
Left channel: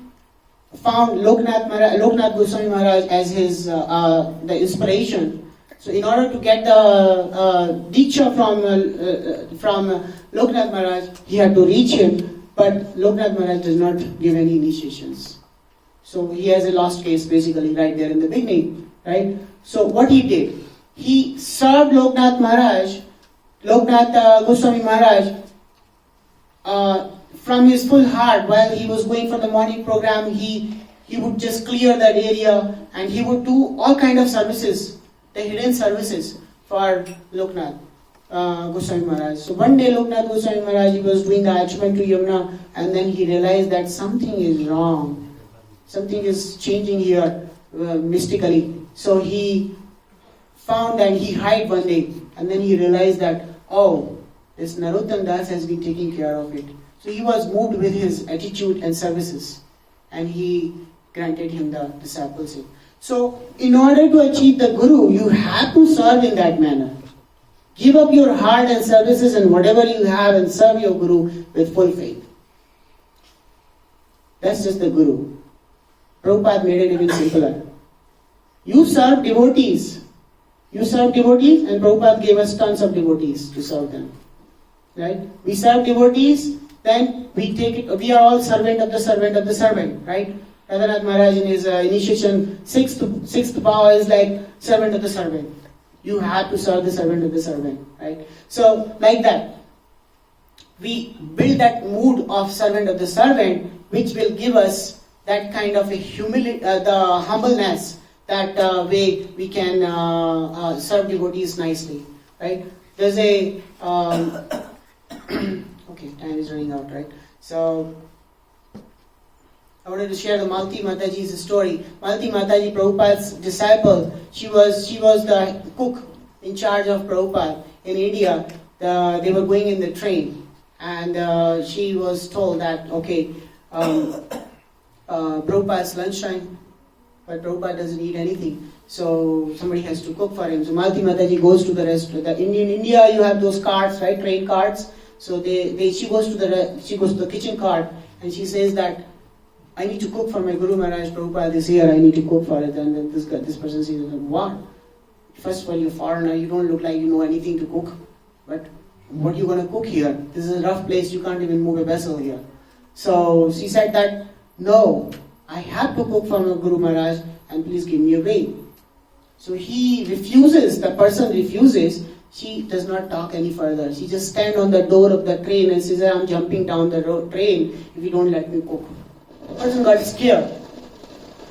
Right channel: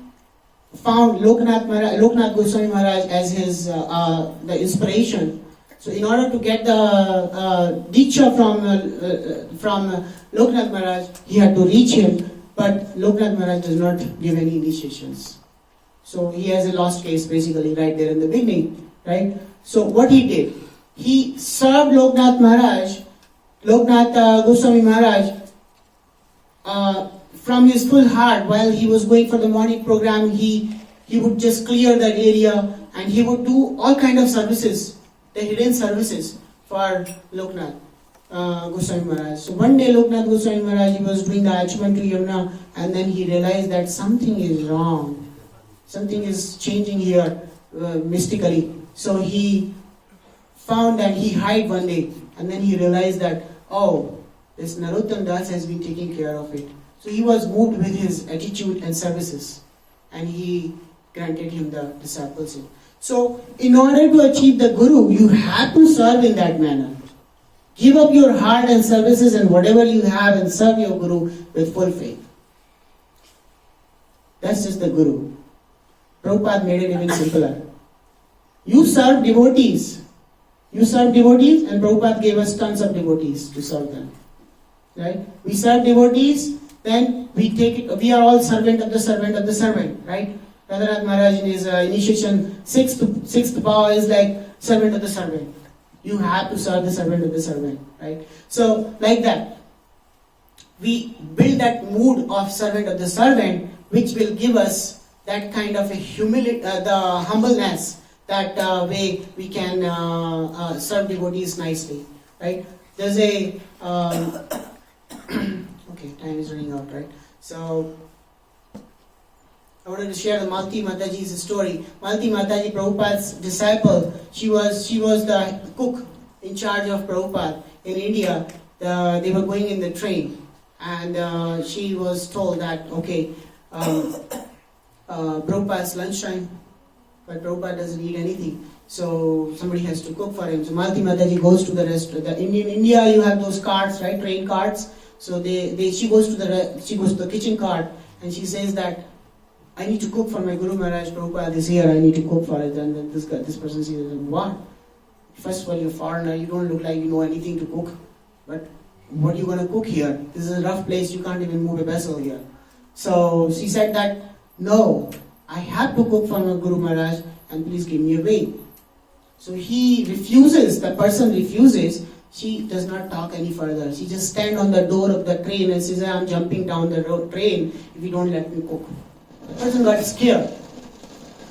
found Loknath Goswami Maharaj as his the inspiration. So in order to get the Diksha from Loknath Maharaj, he had to reach him, but Loknath Maharaj does not give any initiations. So he has a lost case basically right there in the beginning, right? So what he did, he served Loknath Goswami Maharaj from his full heart. While he was going for the morning program, he would just clear that area, and he would do all kind of services, the hidden services for Loknath Goswami Maharaj. So one day Loknath Goswami Maharaj, he was doing the Achman to Yamuna, and then he realized that something is wrong. Something is changing here mystically. So he found that he hid one day, and then he realized that, oh, this Narottam Das has been taking care of it. So he was moved with his attitude and services, and he granted him the discipleship. So in order to achieve the Guru, you have to serve in that manner. Give up your heart and services and whatever you have and serve your Guru with full faith. That's just the Guru. Prabhupada made it even simpler. You serve devotees. You serve devotees, and Prabhupada gave us tons of devotees to serve them. Right? We serve devotees, then we are all servant of the servant, right? Radhanath Maharaj in his initiation, sixth power is like servant of the servant. You have to serve the servant of the servant, right? So, like that, we build that mood of servant of the servant, which will give us that kind of a humility, the humbleness, that way we can serve devotees nicely, right? There's a okay, time is running out, right? So I wanted to share the Malti Mataji's story. Malti Mataji, Prabhupada's disciple, she was the cook in charge of Prabhupada in India. They were going in the train, and she was told that, okay, Prabhupada's lunchtime, but Prabhupada doesn't eat anything, so somebody has to cook for him. So Malti Mataji goes to the restaurant. In India, you have those carts, right? Train carts. So she goes to the kitchen cart, and she says that, I need to cook for my Guru Maharaj. Prabhupada is here. I need to cook for it. And then this person says, what? First of all, you're a foreigner. You don't look like you know anything to cook. But what are you going to cook here? This is a rough place. You can't even move a vessel here. So she said that, no, I have to cook for my Guru Maharaj, and please give me a way. So he refuses. The person refuses. She does not talk any further. She just stands on the door of the train and says, I'm jumping down the train if you don't let me cook. The person got scared.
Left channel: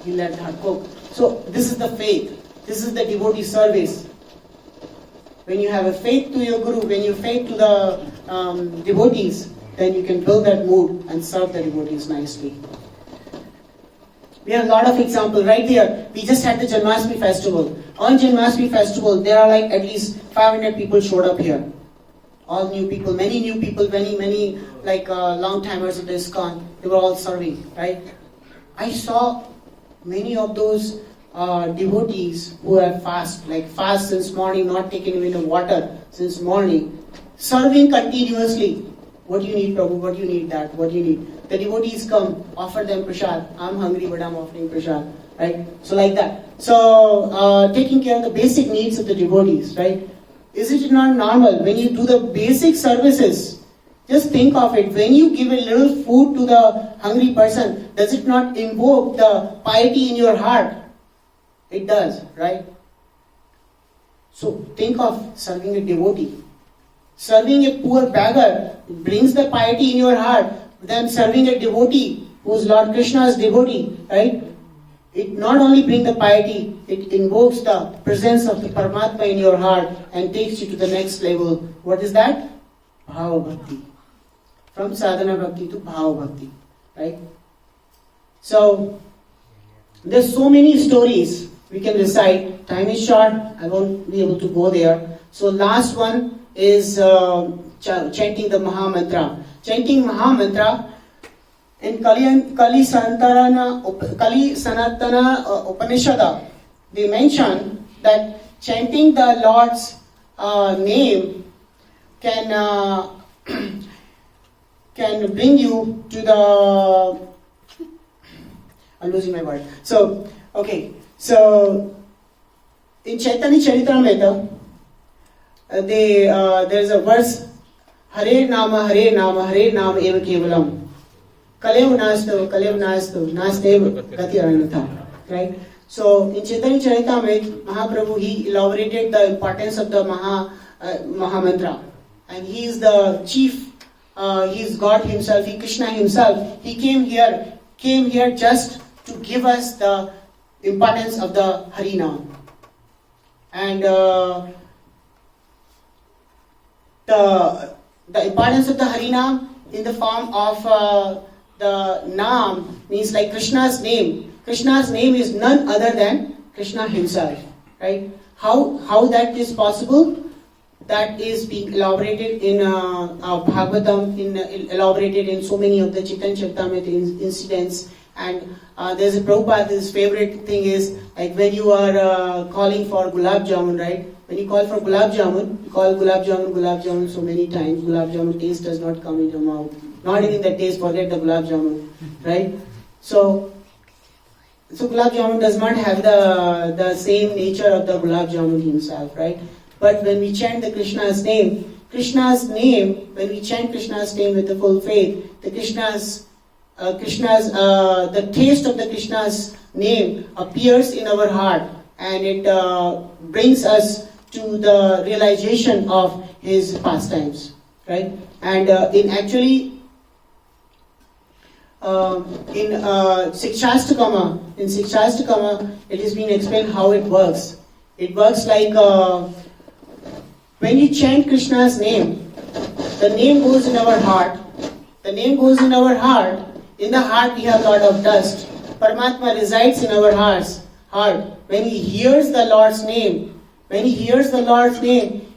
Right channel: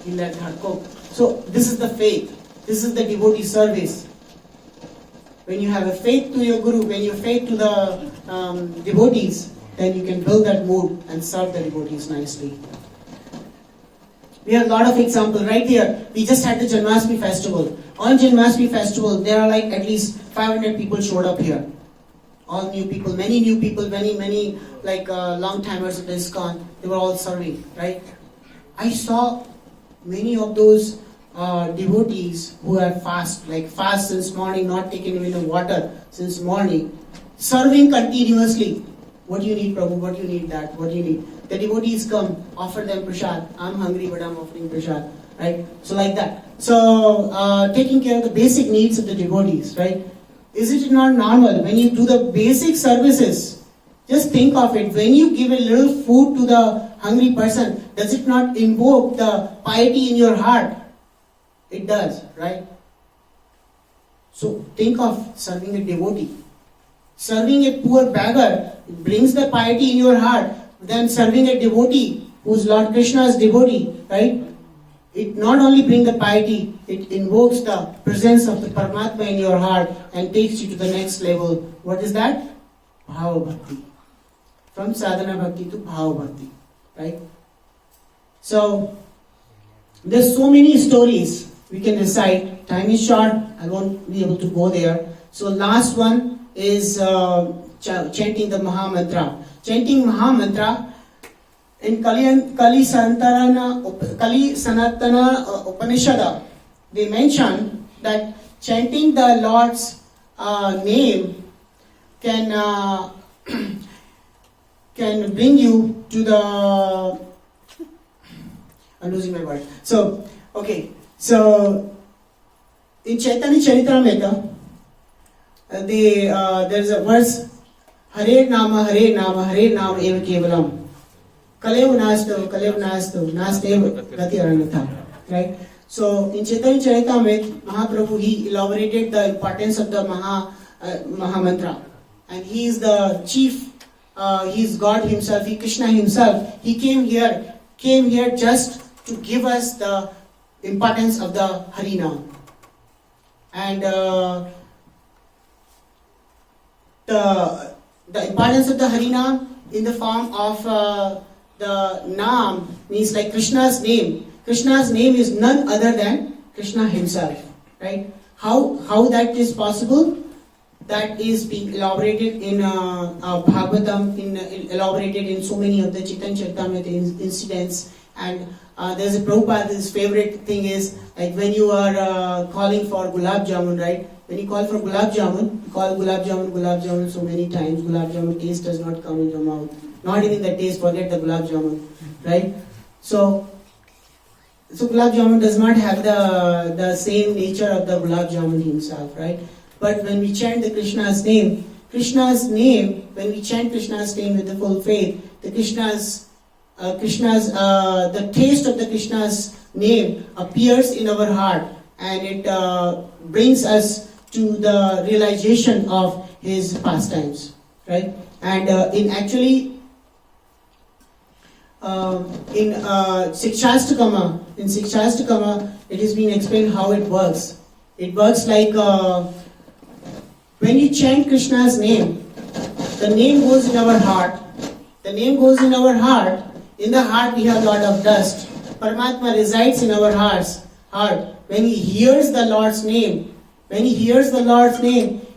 He let her cook. So this is the faith. This is the devotee service. When you have a faith to your Guru, when you have faith to the devotees, then you can build that mood and serve the devotees nicely. We have a lot of examples right there. We just had the Janmashtami festival. On Janmashtami festival, there are like at least 500 people showed up here. All new people, many like long timers of the ISKCON. They were all serving, right? I saw many of those devotees who have fast since morning, not taken even the water since morning, serving continuously. What do you need, Prabhu? What do you need that? What do you need? The devotees come, offer them prasad. I'm hungry, but I'm offering prasad, right? So like that. So taking care of the basic needs of the devotees, right? Is it not normal when you do the basic services? Just think of it. When you give a little food to the hungry person, does it not invoke the piety in your heart? It does, right? So think of serving a devotee. Serving a poor beggar brings the piety in your heart. Then serving a devotee who is Lord Krishna's devotee, right? It not only brings the piety, it invokes the presence of the Paramatma in your heart and takes you to the next level. What is that? Bhava Bhakti. From Sadhana Bhakti to Bhava Bhakti, right? So, there's so many stories we can recite. Time is short, I won't be able to go there. So last one is chanting the Mahamantra. Chanting Mahamantra in Kali Sanatana Upanishada, they mention that chanting the Lord's name can can bring you to the. I'm losing my word. So, okay. So, in Chaitanya Charitamrita, there is a verse, Hare Nama Eva Kevalam. Kalev nastu, nastev gati aranatha. Right? So, in Chaitanya Charitamrita, Mahaprabhu, he elaborated the importance of the Mahamantra. And he is the chief, he is God himself, Krishna himself. He came here just to give us the importance of the Harinam. And the importance of the Harinam in the form of the Naam means like Krishna's name. Krishna's name is none other than Krishna himself. Right? How that is possible? That is being elaborated in Bhagavatam, elaborated in so many of the Chaitanya Charitamrita incidents. And there's a Prabhupada's favorite thing is like when you are calling for gulab jamun, right? When you call for gulab jamun, you call gulab jamun so many times, gulab jamun taste does not come in your mouth. Not even the taste, forget the gulab jamun, right? So gulab jamun does not have the same nature of the gulab jamun himself, right? But when we chant the Krishna's name, when we chant Krishna's name with the full faith, the taste of the Krishna's name appears in our heart, and it brings us to the realization of his pastimes, right? And in Sikshastakama, it has been explained how it works. It works like when you chant Krishna's name, the name goes in our heart. In the heart we have a lot of dust. Paramatma resides in our heart. When he hears the Lord's name,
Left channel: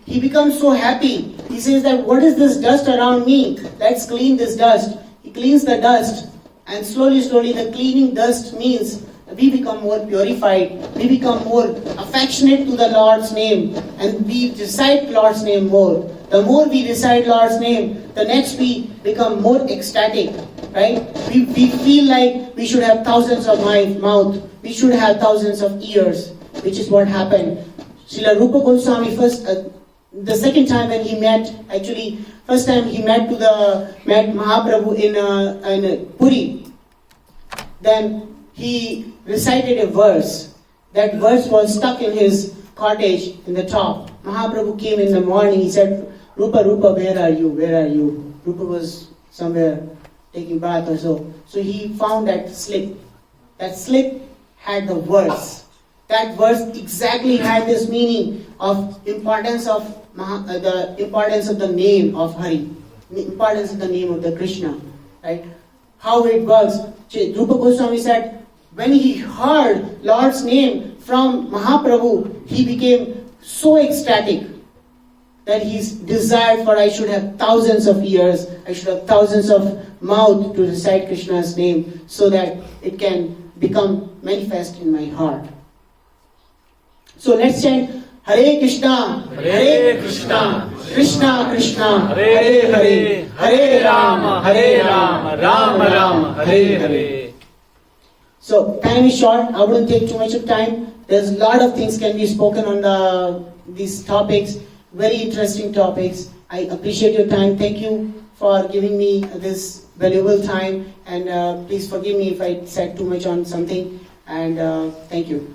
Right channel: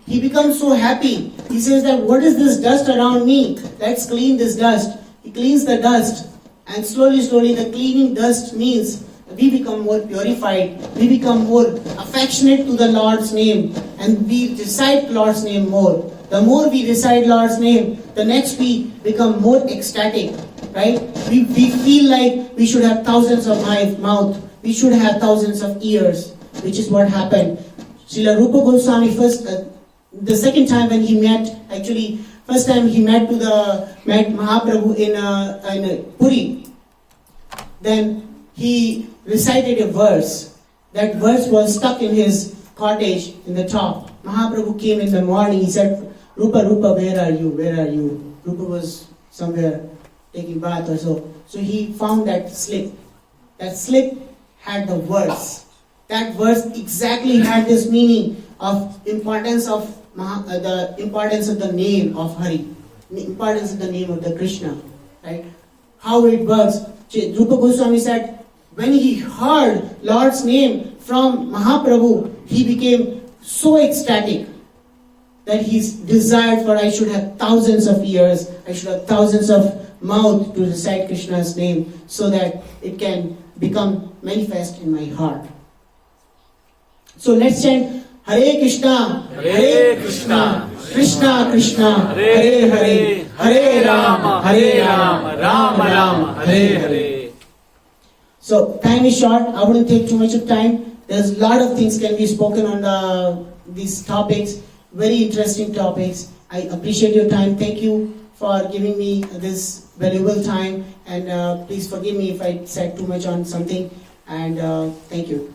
he becomes so happy. He says that, what is this dust around me? Let's clean this dust. He cleans the dust. And slowly the cleaning dust means we become more purified. We become more affectionate to the Lord's name. And we recite Lord's name more. The more we recite Lord's name, the next we become more ecstatic. Right? We feel like we should have thousands of mouth. We should have thousands of ears. Which is what happened. Srila Rupa Goswami the second time when he met, first time he met Mahaprabhu in Puri. Then he recited a verse. That verse was stuck in his cottage in the top. Mahaprabhu came in the morning. He said, Rupa, where are you? Rupa was somewhere taking bath or so. So he found that slip. That slip had the verse. That verse exactly had this meaning of importance of the name of Hari, the importance of the name of the Krishna, right? How it works. Rupa Goswami said, when he heard Lord's name from Mahaprabhu, he became so ecstatic that he desired for I should have thousands of ears, I should have thousands of mouth to recite Krishna's name so that it can become manifest in my heart. So let's chant Hare Krishna, Krishna Krishna, Hare Hare, Hare Rama, Rama Hare Hare. So time is short. I wouldn't take too much of time. There's a lot of things can be spoken on these topics. Very interesting topics. I appreciate your time. Thank you for giving me this valuable time. And please forgive me if I said too much on something. And thank you.